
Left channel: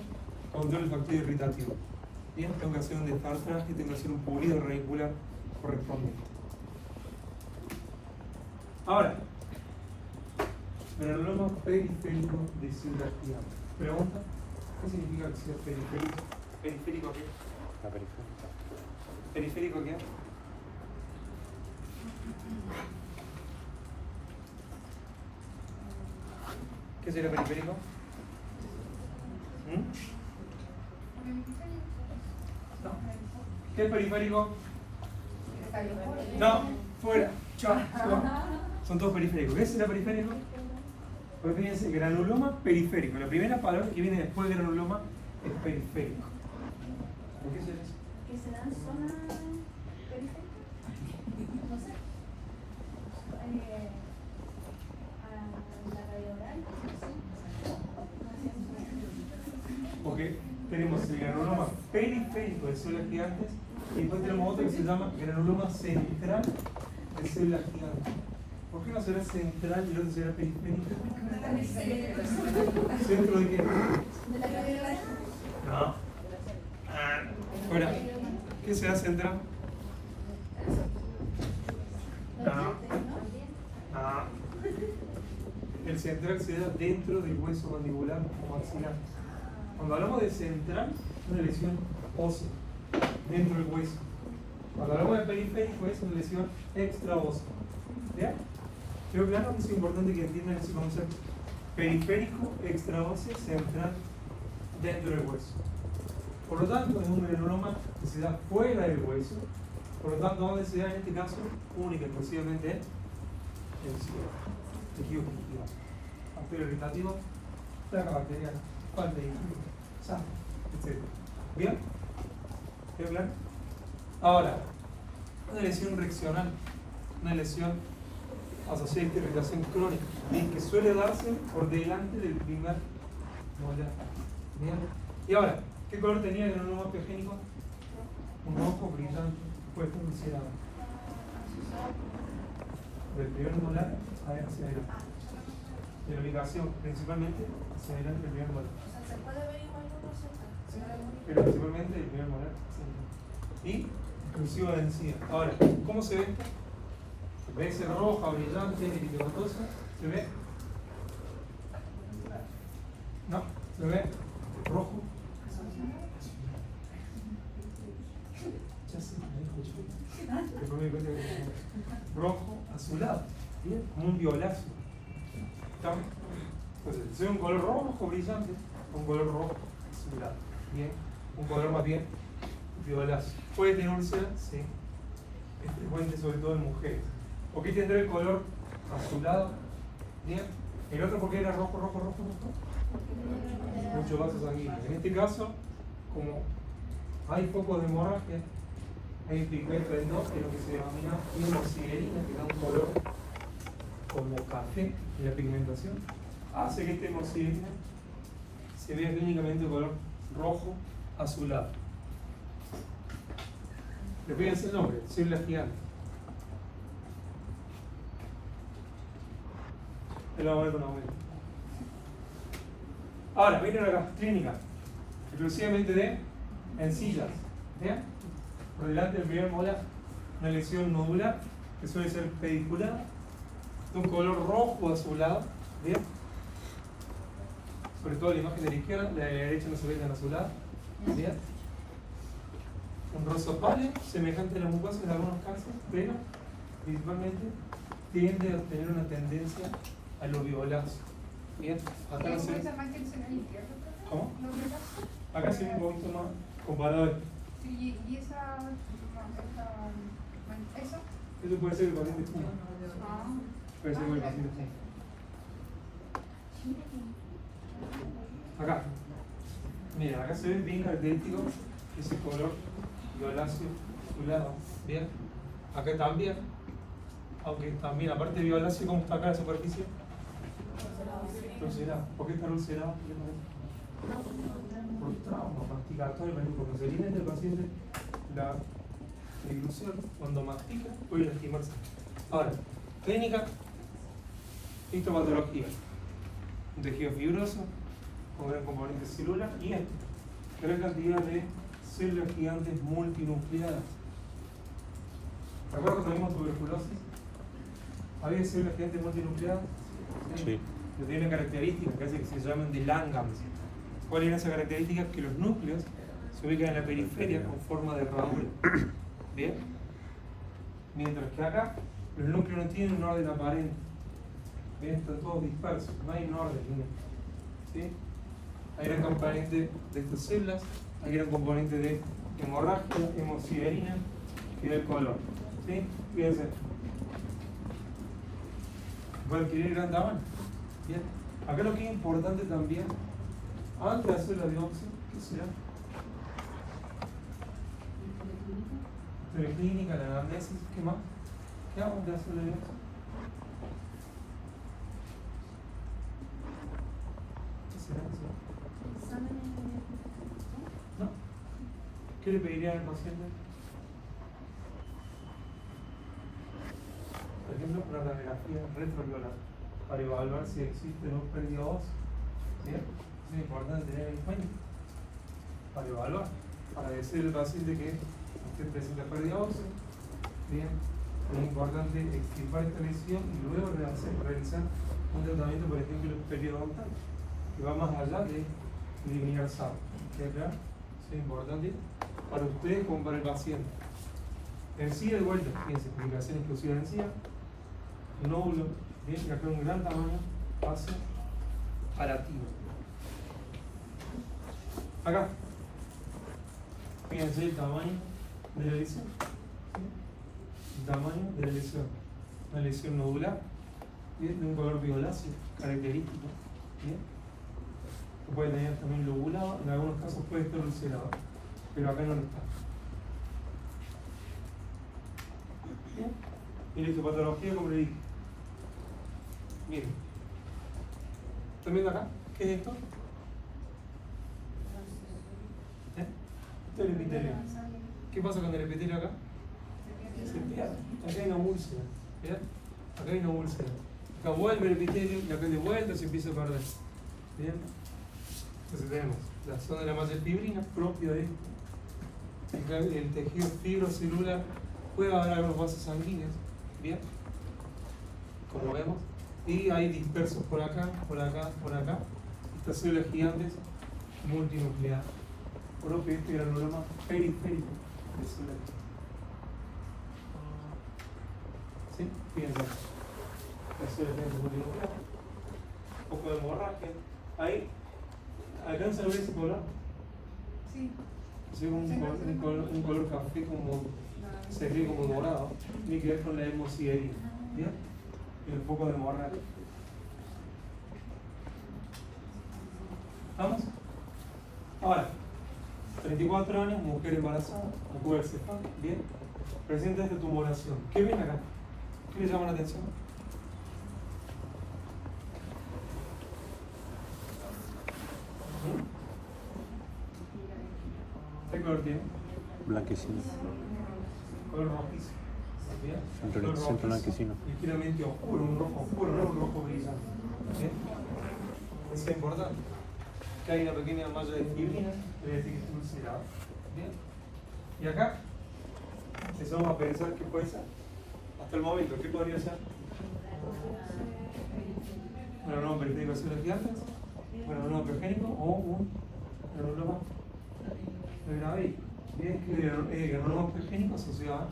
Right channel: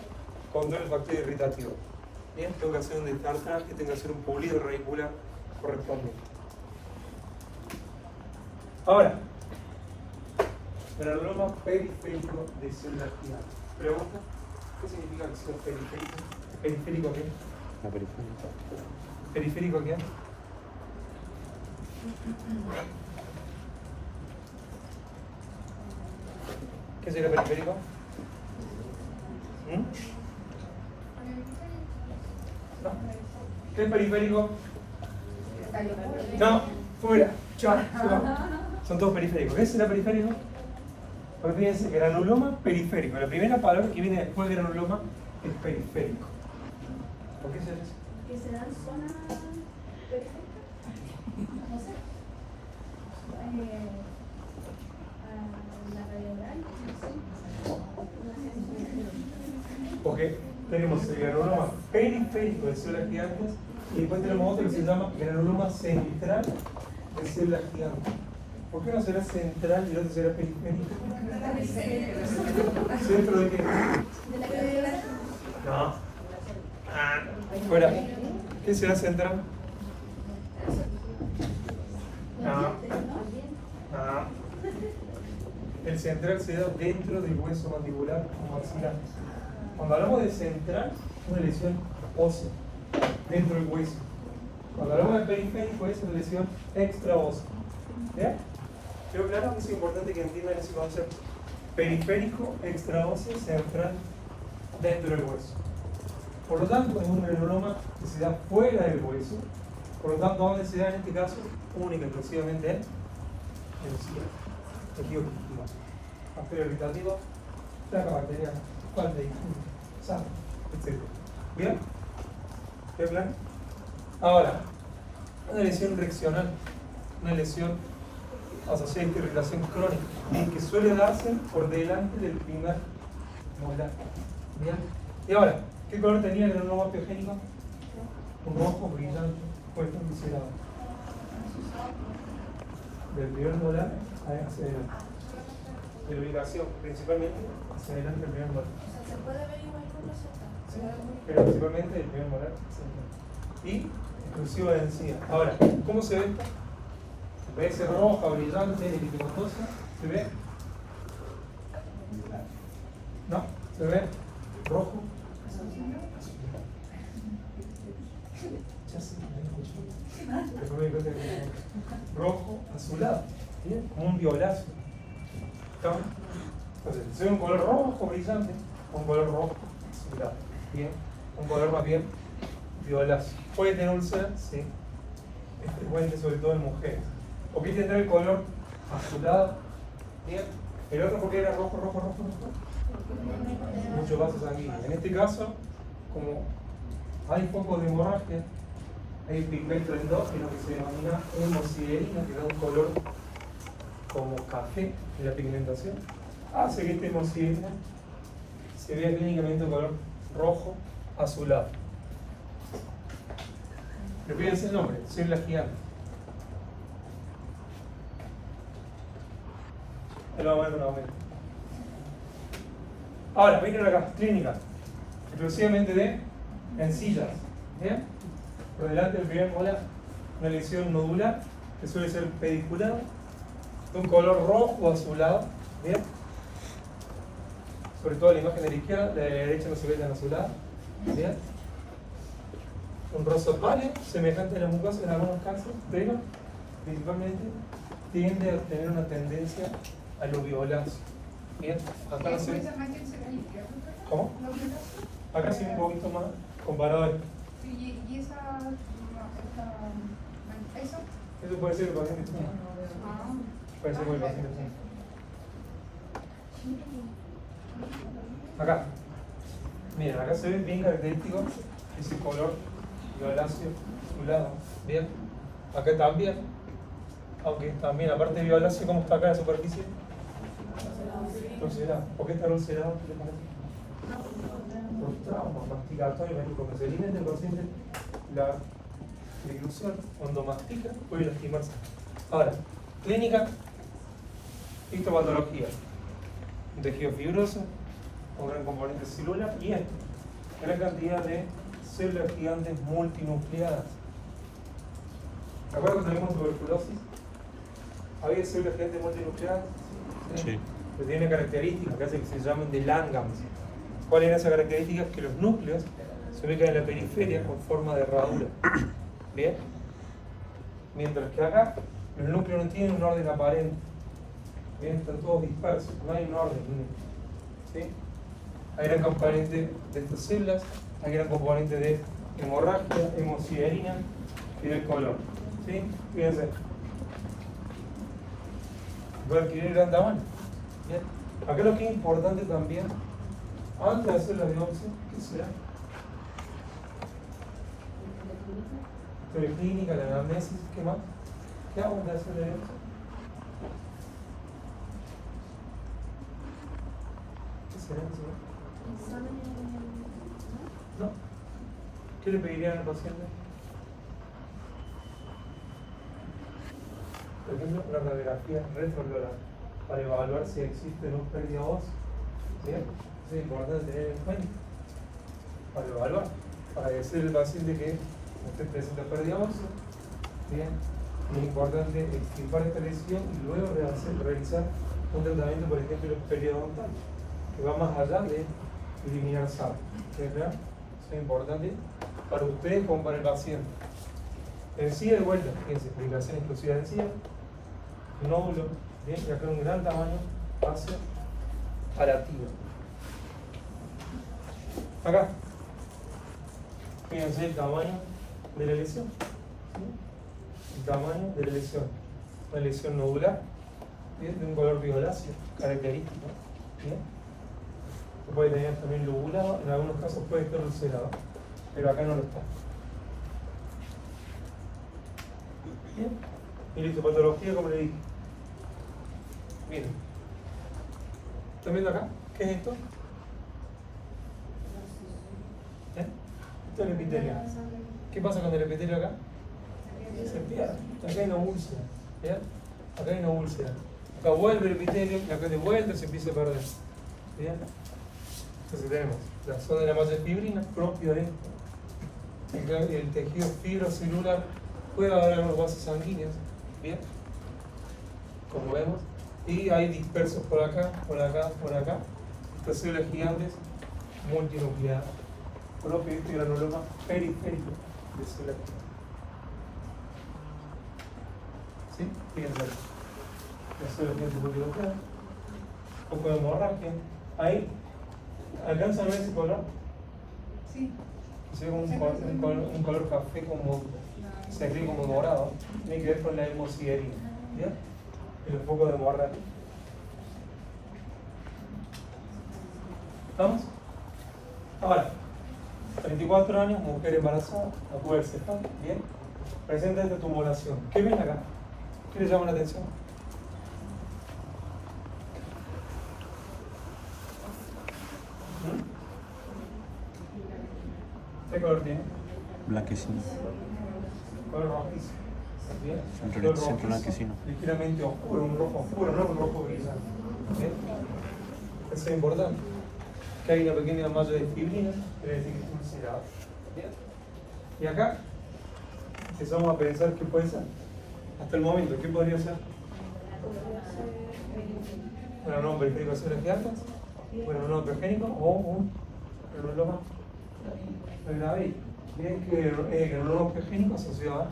control el factor irritativo. Bien, tengo que hacer un destartraje, tengo que hacer un pulido radicular correspondiente. Ahora, granuloma periférico de células gigantes. Pregunta, ¿qué significa que sea periférico? ¿Periférico a qué? La periferia. ¿Periférico a qué? ¿Qué sería periférico? ¿No? ¿Qué es periférico? No, fuera. Chao. Son todos periféricos. ¿Qué será periférico? Pues fíjense, granuloma periférico. La primera palabra que viene después de granuloma es periférico. ¿Por qué se hace eso? ¿Que se dan zona periférica? No sé. A la radiolar, Porque tenemos el granuloma periférico de células gigantes y después tenemos otro que se llama granuloma central de células gigantes. ¿Por qué no será central y no será periférico? ¿Centro de qué? No. Fuera. ¿Qué será central? No. El central se da dentro del hueso mandibular maxilar. Cuando hablamos de central, es una lesión ósea, dentro del hueso. Cuando hablamos de periférico, es una lesión extraósea. ¿Bien? Pero claro, es importante que entiendan ese concepto. Periférico, extraóseo, central, dentro del hueso. Por lo tanto, es un granuloma que se da fuera del hueso. Por lo tanto, ¿dónde se da en este caso? Única, exclusivamente en el cielo. Tejido digestivo. Bacteria irritativa, placa bacteriana, falta de higiene, sangre, etc. ¿Bien? ¿Qué claro? Ahora, una lesión reaccional, una lesión asociada a esta irritación crónica, bien, que suele darse por delante del primer molar. ¿Bien? Y ahora, ¿qué color tenía el granuloma piogénico? Un rojo brillante, puede estar ulcerado. Del primer molar hacia adelante. De la ubicación, principalmente hacia adelante del primer molar. ¿Se puede ver igual con Sí, pero principalmente del primer molar central. Y exclusivo de encía. Ahora, ¿cómo se ve esto? ¿Ves roja, brillante, eritematosa? ¿Se ve? ¿No? ¿Se ve? Rojo. Ya sé, me escuché. Después me di cuenta que rojo, azulado. ¿Bien? Como un violáceo. ¿Estamos? Entonces, se ve un color rojo, brillante, un color rojo, azulado. Bien. Un color más bien violáceo. ¿Puede tener úlcera? Sí. Es frecuente, sobre todo en mujeres. ¿Por qué tendrá el color azulado? Bien. El otro, ¿por qué era rojo, rojo, rojo, rojo? Mucho vaso sanguíneo. En este caso, como hay focos de hemorragia, hay el pigmento endógeno que se denomina hemosiderina, que da un color como café en la pigmentación, hace que esta hemosiderina se vea clínicamente de color rojo azulado. Repídense el nombre, célula gigante. El aumento, el aumento. Ahora, miren acá, clínica, exclusivamente de encías. ¿Bien? Por delante del primer molar, una lesión nodular que suele ser pediculada, de un color rojo o azulado. ¿Bien? Sobre todo la imagen de la izquierda, la de la derecha no se ve tan azulada. ¿Bien? Un rosa pálido, semejante a la mucosa en algunos casos, pero principalmente tiende a tener una tendencia a lo violáceo. Bien, acá no se ve. ¿Cómo? Acá se ve un poquito más comparado a esto. ¿Y esa, eso? Eso puede ser el paciente fuma. Puede ser que el paciente fuma. Acá. Miren, acá se ve bien característico ese color violáceo azulado. Bien. Acá también. Aunque también, aparte de violáceo, ¿cómo está acá en la superficie? Ulcerado. ¿Por qué está ulcerado? ¿Qué le parece? Por trauma masticatorio, cuando se viene este paciente la dilución, cuando mastica puede lastimarse. Ahora, clínica, histopatología, un tejido fibroso, un gran componente celular y gran cantidad de células gigantes multinucleadas. ¿Acuerdan que tenemos tuberculosis? ¿Había células gigantes multinucleadas? Sí. Que tiene características que hace que se llamen de Langhans. ¿Cuál era esa característica? Que los núcleos se ubican en la periferia con forma de herradura. ¿Bien? Mientras que acá los núcleos no tienen un orden aparente. Bien, están todos dispersos, no hay un orden. ¿Sí? Hay gran componente de estas células, hay gran componente de hemorragia, hemosiderina y del color. ¿Sí? Fíjense. Puede adquirir gran tamaño. Bien. Acá lo que es importante también, antes de hacer la biopsia, ¿qué será? La clínica, la anamnesis, ¿qué más? ¿Qué hago antes de hacer la biopsia? ¿Qué será? ¿No? ¿Qué le pedirían al paciente? Por ejemplo, la radiografía retrocloral, para evaluar si existe una pérdida ósea. Bien, eso es importante tener en cuenta. Para evaluar, para decirle al paciente que usted presenta pérdida ósea. Bien, es importante extirpar esta lesión y luego realizar un tratamiento, por ejemplo, periodontal, que va más allá de eliminar sal. ¿Queda claro? Eso es importante para ustedes como para el paciente. Encía de vuelta, fíjense, publicación exclusiva de encía, nódulo, bien, y acá un gran tamaño hacia arativa. Acá, fíjense el tamaño de la lesión. ¿Sí? El tamaño de la lesión. Una lesión nodular, ¿bien? De un color violáceo, característico. ¿Bien? Que puede tener también lobulado, en algunos casos puede estar ulcerado, pero acá no lo está. Bien. Y la histopatología, como le dije. Miren. ¿Están viendo acá? ¿Qué es esto? Esto es el epitelio. ¿Qué pasa con el epitelio acá? Se pierde. Acá hay una úlcera. ¿Bien? Acá hay una úlcera. Acá vuelve el epitelio, acá de vuelta se empieza a perder. ¿Bien? Entonces tenemos la zona de la malla fibrina, propio de esto. El tejido fibrocelular, puede haber algunos vasos sanguíneos. Bien, como vemos, y hay dispersos por acá, por acá, por acá, estas células gigantes multinucleadas, propio de este granuloma periférico de células gigantes. ¿Sí? Fíjense, las células gigantes multinucleadas, un poco de hemorragia, ahí, ¿alcanza a ver ese color? Sí. Se ve como un color café, como se escribe como dorado, tiene que ver con la hemosiderina, ¿bien? El foco de hemorragia. ¿Vamos? Ahora, 34 años, mujer embarazada, acuerdo cefal, bien. Presenta esta tumoración. ¿Qué ven acá? ¿Qué le llama la atención? ¿Qué color tiene? Blanquecino. Color rojizo. ¿Bien? Siempre Color siempre rojizo, blanquecino. ligeramente oscuro, un rojo oscuro, no un rojo brillante. ¿Bien? Eso es importante. Que hay una pequeña malla de fibrina, quiere decir que es ulcerada. ¿Bien? Y acá empezamos a pensar qué puede ser. Hasta el momento, ¿qué podría ser? Bueno, no, periférico de las llantas, bueno, no progénico o un granuloma de Gravell, que es que el granuloma progénico asociado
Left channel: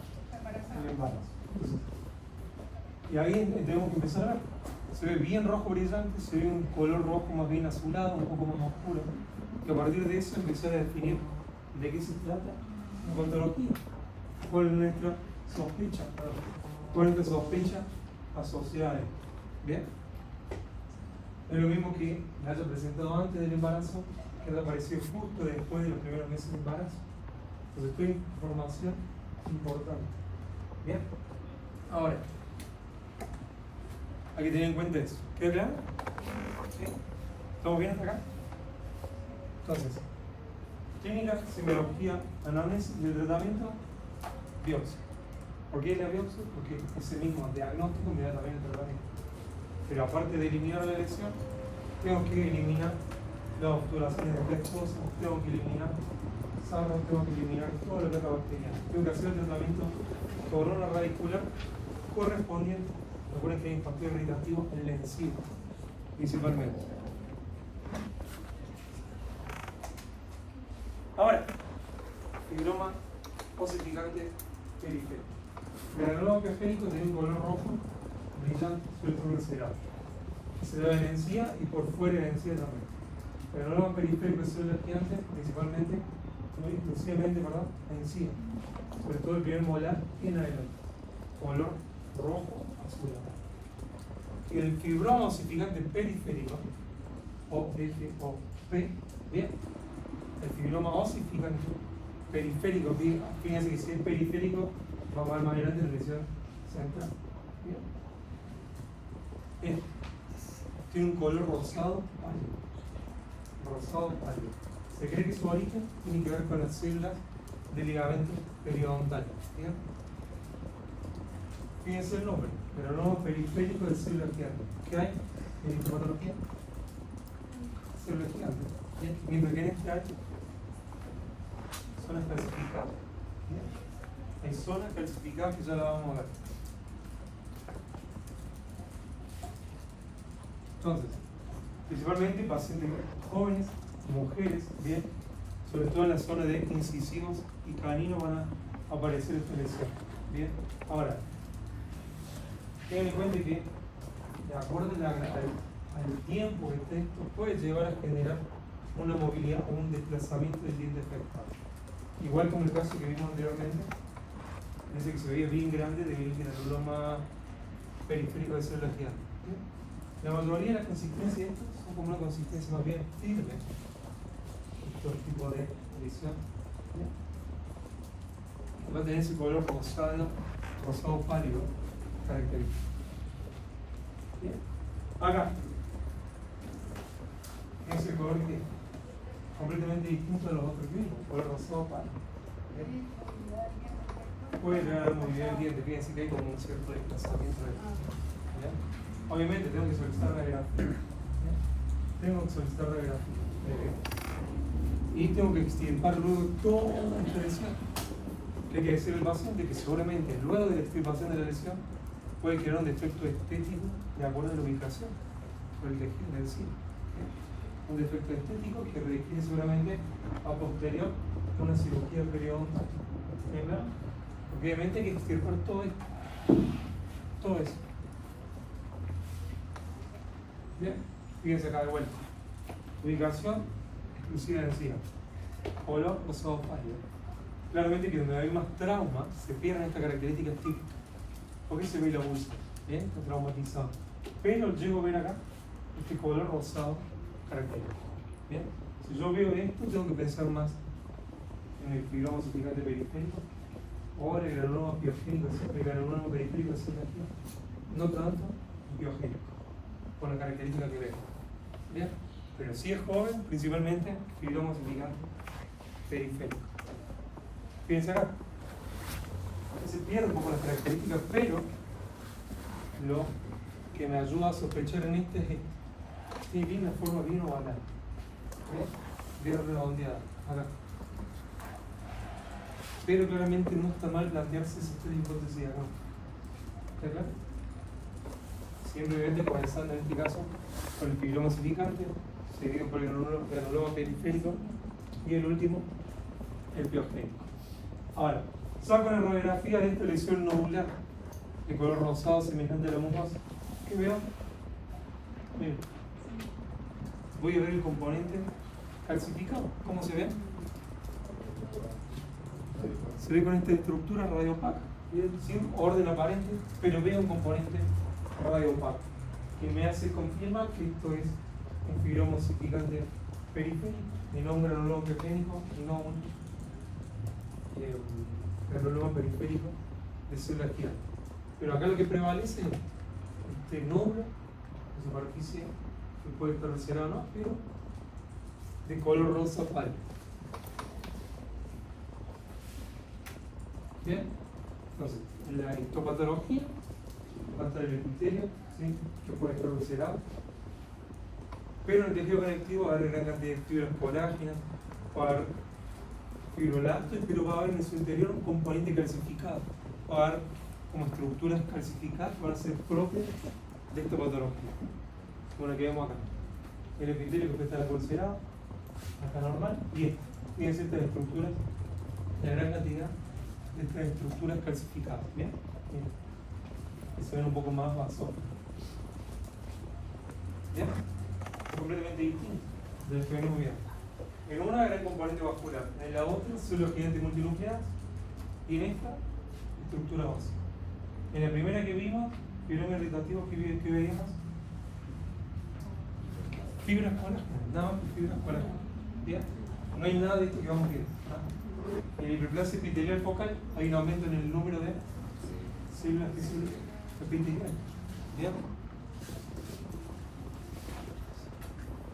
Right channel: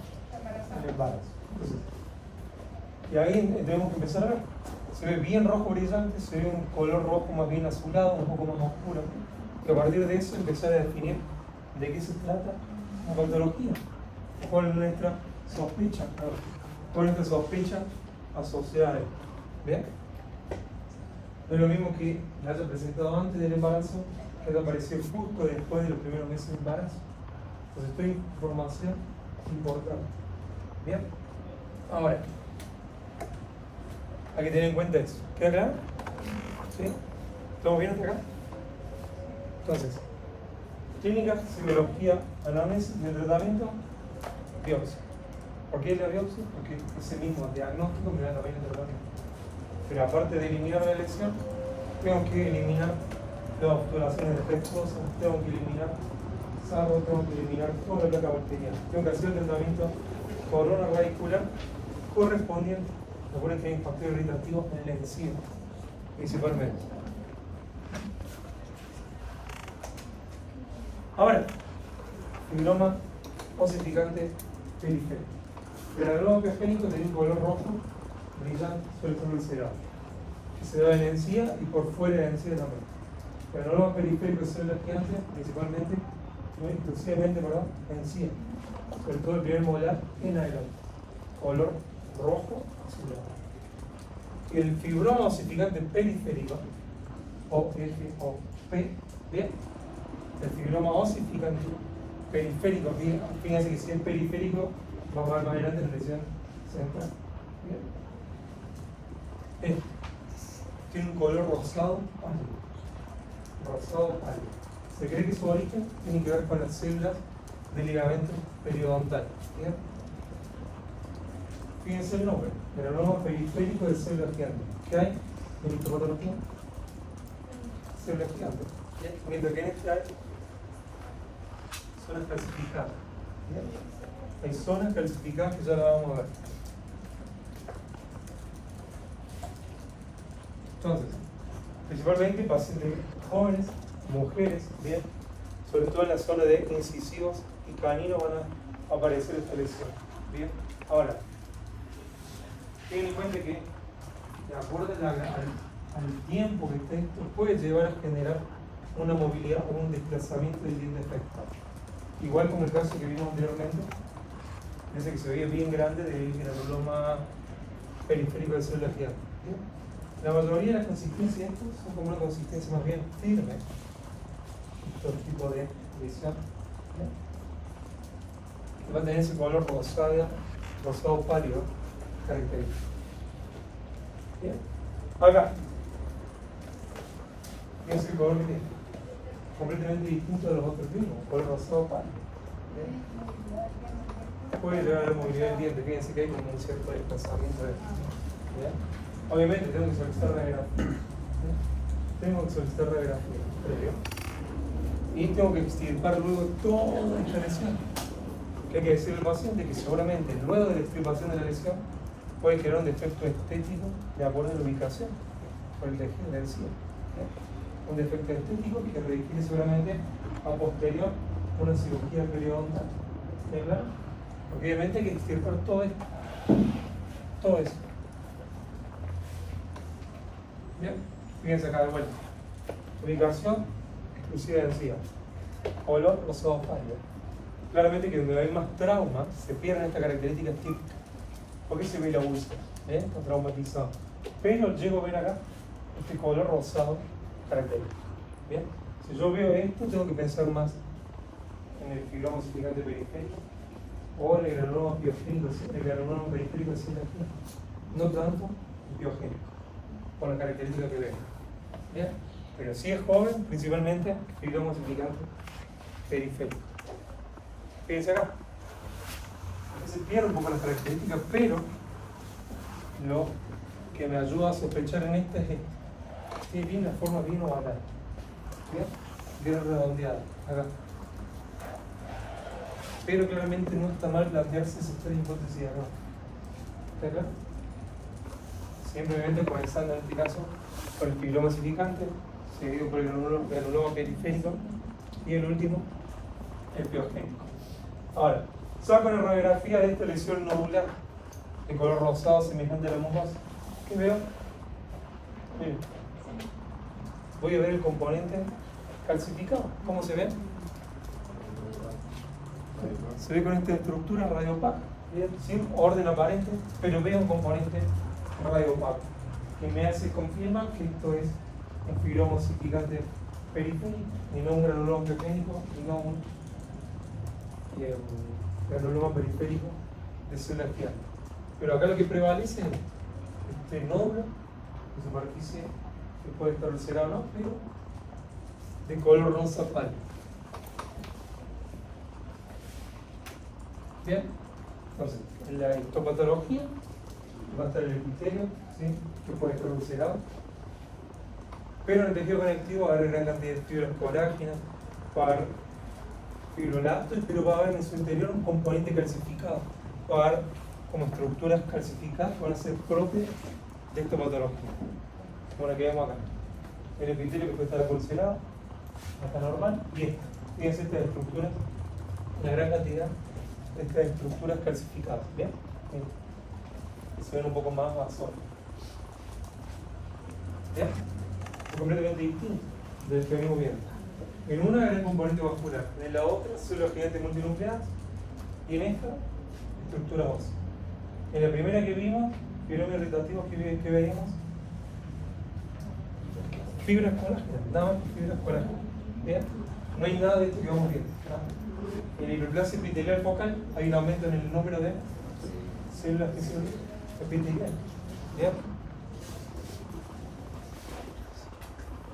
al embarazo. Entonces, y ahí tenemos que empezar a ver. Se ve bien rojo brillante, se ve un color rojo más bien azulado, un poco más oscuro. Y a partir de eso empezar a definir de qué se trata la patología. ¿Cuál es nuestra sospecha? ¿Cuál es nuestra sospecha asociada a él? ¿Bien? No es lo mismo que le haya presentado antes del embarazo, que haya aparecido justo después de los primeros meses de embarazo. Entonces, esto es información importante. ¿Bien? Ahora, hay que tener en cuenta eso. ¿Queda claro? ¿Sí? ¿Estamos bien hasta acá? Entonces, clínica, semiología, anamnesis y el tratamiento, biopsia. ¿Por qué es la biopsia? Porque ese mismo diagnóstico me da también el tratamiento. Pero aparte de eliminar la lesión, tengo que eliminar las obturaciones defectuosas, tengo que eliminar sarro, tengo que eliminar toda la placa bacteriana. Tengo que hacer el tratamiento corona radicular correspondiente. Recuerden que hay un factor irritativo en la encía, principalmente. Ahora, fibroma osificante periférico. El granuloma periférico tiene un color rojo brillante, suele ser ulcerado. Se da en la encía y por fuera de la encía también. El granuloma periférico de células gigantes, principalmente, muy exclusivamente, perdón, encía. Sobre todo el primer molar en adelante. Color rojo azulado. Y el fibroma osificante periférico, o FOP, bien. El fibroma osificante periférico, fíjense que si es periférico, vamos a ver más adelante la lesión central. Bien. Tiene un color rosado pálido. Rosado pálido. Se cree que su origen tiene que ver con las células del ligamento periodontal. ¿Bien? Fíjense el nombre, el granuloma periférico de células gigantes. ¿Qué hay en histopatología? Células gigantes. ¿Bien? Mientras que en este hay zonas clasificadas. ¿Bien? Hay zonas clasificadas que ya la vamos a ver. Entonces, principalmente pacientes jóvenes, mujeres, bien, sobre todo en la zona de incisivos y caninos van a aparecer esta lesión. Bien, ahora, tengan en cuenta que, de acuerdo al tiempo que esté esto, puede llevar a generar una movilidad o un desplazamiento del diente afectado. Igual como el caso que vimos anteriormente, fíjense que se veía bien grande del granuloma periférico de células gigantes. La mayoría de las consistencias de estos son como una consistencia más bien firme. Todo tipo de lesión. Va a tener ese color rosado pálido característico. Bien. Acá. Es el color que es completamente distinto de los otros mismos, color rosado pálido. Bien. Puede llegar a la movilidad del diente, fíjense que hay un cierto desplazamiento de. Bien. Obviamente tengo que solicitar radiografía. Tengo que solicitar radiografía previo. Y tengo que extirpar luego toda esta lesión. ¿Qué hay que decirle al paciente? Que seguramente luego de la extirpación de la lesión puede generar un defecto estético de acuerdo a la ubicación por el tejido de la lesión. Un defecto estético que requiere seguramente a posterior una cirugía periodontal. ¿Bien claro? Porque obviamente hay que extirpar todo esto. Todo eso. Bien, fíjense acá de vuelta. Ubicación exclusiva de encía. Olor rosado pálido. Claramente que donde hay más trauma se pierden estas características típicas. ¿Por qué se ve la úlcera? Está traumatizado. Pero llego a ver acá este color rosado característico. Bien, si yo veo esto, tengo que pensar más en el fibroma significante periférico o en el granuloma piogénico, el granuloma periférico de células G. No tanto el piogénico, con la característica que vemos. ¿Bien? Pero si es joven, principalmente fibroma significante periférico. Fíjense acá. Se pierde un poco las características, pero lo que me ayuda a sospechar en este es esto. Sí, tiene una forma bien ovalada. Bien, bien redondeada. Acá. Pero claramente no está mal plantearse esas tres hipótesis acá. ¿Está acá? Simplemente comenzando en este caso con el fibroma significante, seguido por el granuloma periférico y el último, el piogénico. Ahora, saco una radiografía de esta lesión nodular de color rosado semejante a la mucosa. ¿Qué veo? Miren. Voy a ver el componente calcificado. ¿Cómo se ve? Se ve con esta estructura radiopaca, bien, sin orden aparente, pero veo un componente radiopaco que me hace confirmar que esto es un fibroma significante periférico y no un granuloma piogénico y no un granuloma periférico de células gigantes. Pero acá lo que prevalece es este nódulo de superficie que puede estar ulcerado o no, pero de color rosa pálido. Bien, entonces en la histopatología va a estar el epitelio, ¿sí? Que puede estar ulcerado, pero en el tejido conectivo va a haber gran cantidad de fibras colágenas, va a haber fibroblastos, pero va a haber en su interior un componente calcificado, va a haber como estructuras calcificadas que van a ser propias de esta patología, como la que vemos acá. El epitelio que puede estar ulcerado, acá normal, bien, fíjense estas estructuras, una gran cantidad de estas estructuras calcificadas, ¿bien? Bien. Que se ven un poco más basales. ¿Bien? Es completamente distinto de lo que venimos viendo. En una gran componente vascular, en la otra células gigantes multinucleadas y en esta estructura ósea. En la primera que vimos, fibroma irritativo, ¿qué veíamos? Fibras colágenas, nada más que fibras colágenas. ¿Bien? No hay nada de esto que vamos viendo. En la hiperplasia epitelial focal hay un aumento en el número de células epiteliales. ¿Bien?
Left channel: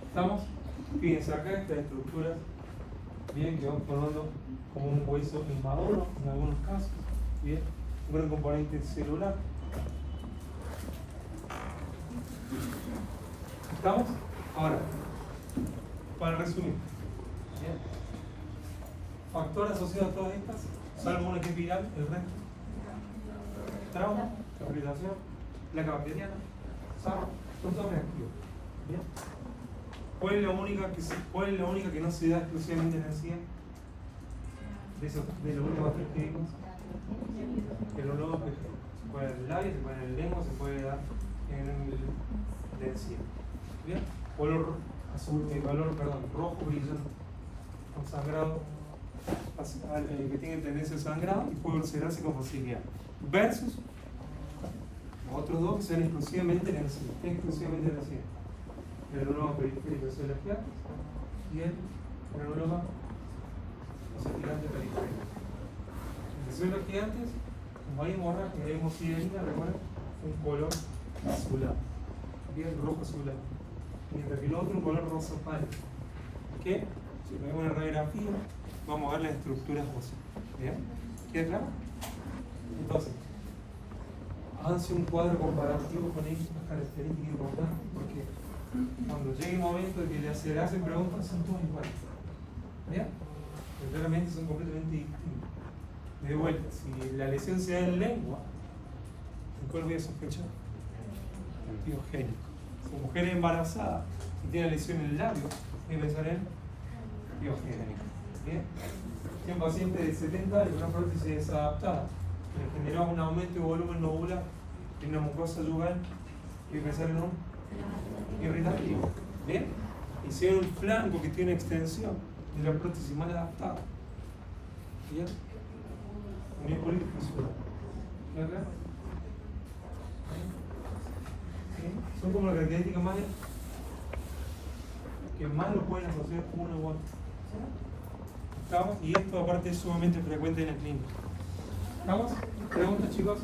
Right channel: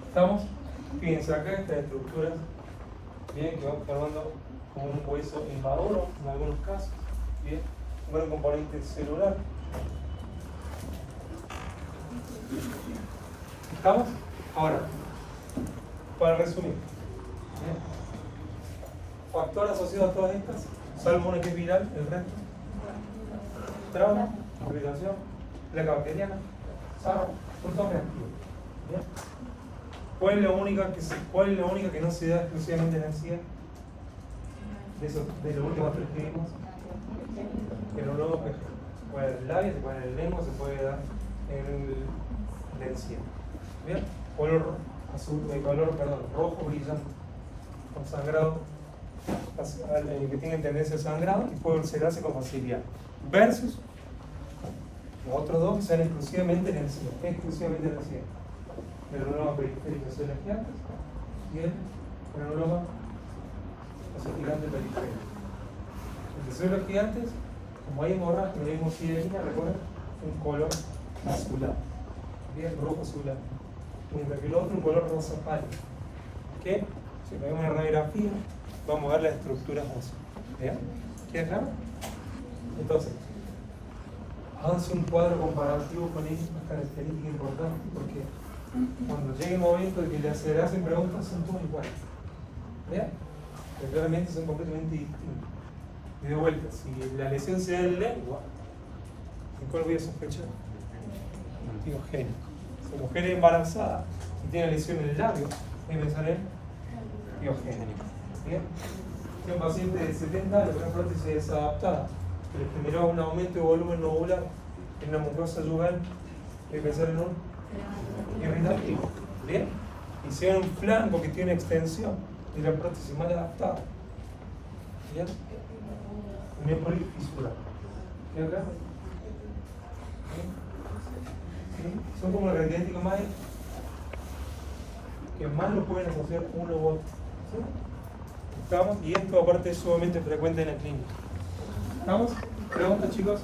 ¿Estamos? Fíjense acá estas estructuras, bien, que van formando un hueso inmaduro en algunos casos, bien, un gran componente celular. ¿Estamos? Ahora, para resumir, bien, factor asociado a todas estas, salvo una que es viral, el resto, trauma, irritación, placa bacteriana, sarro, son todos reactivos. ¿Bien? ¿Cuál es la única que no se da exclusivamente en ansiedad? De los últimos tres que vimos, que no se puede en el labio, se puede en el lengua, se puede dar en la encía. ¿Bien? Color azul, rojo brillante, con sangrado, que tiene tendencia a sangrado y puede ulcerarse con facilidad. Versus los otros dos que sean exclusivamente en encía. El granuloma periférico de células gigantes y el granuloma gigante periférico. El de células gigantes, como hay hemorragia y hay hemosiderina, recuerden, un color azulado, bien rojo azulado. Mientras que el otro un color rosa pálido. Que si ponemos una radiografía, vamos a ver las estructuras óseas. ¿Bien? ¿Queda claro? Entonces, háganse un cuadro comparativo con estas características importantes, porque cuando llegue el momento de que le hacen preguntas, son todos iguales. ¿Bien? Pero claramente son completamente distintos. Y de vuelta, si la lesión se da en lengua, ¿en cuál voy a sospechar? Piogénico. Si la mujer es embarazada, si tiene lesión en el labio, voy a pensar en piogénico. ¿Bien? Si un paciente de 70 años con una prótesis desadaptada, que le generó un aumento de volumen nodular en una mucosa yugal, voy a pensar en un irritativo. ¿Bien? Y si hay un flanco que tiene extensión y la prótesis mal adaptada, ¿bien? Népolis fisural. ¿Me acá? ¿Sí? Son como las características más que más lo pueden asociar uno u otro. ¿Sí? ¿Estamos? Y esto aparte es sumamente frecuente en la clínica. ¿Estamos? ¿Preguntas, chicos?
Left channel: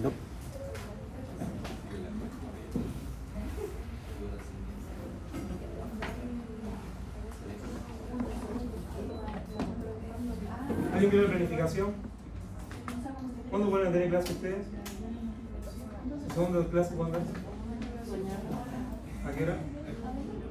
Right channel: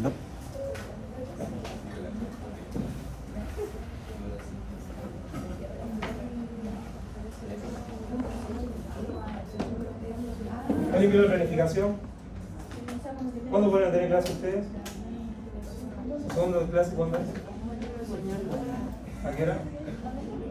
No. ¿Alguien vio la planificación? ¿Cuándo van a tener clase ustedes? ¿El segundo de clase cuándo es? ¿A qué hora?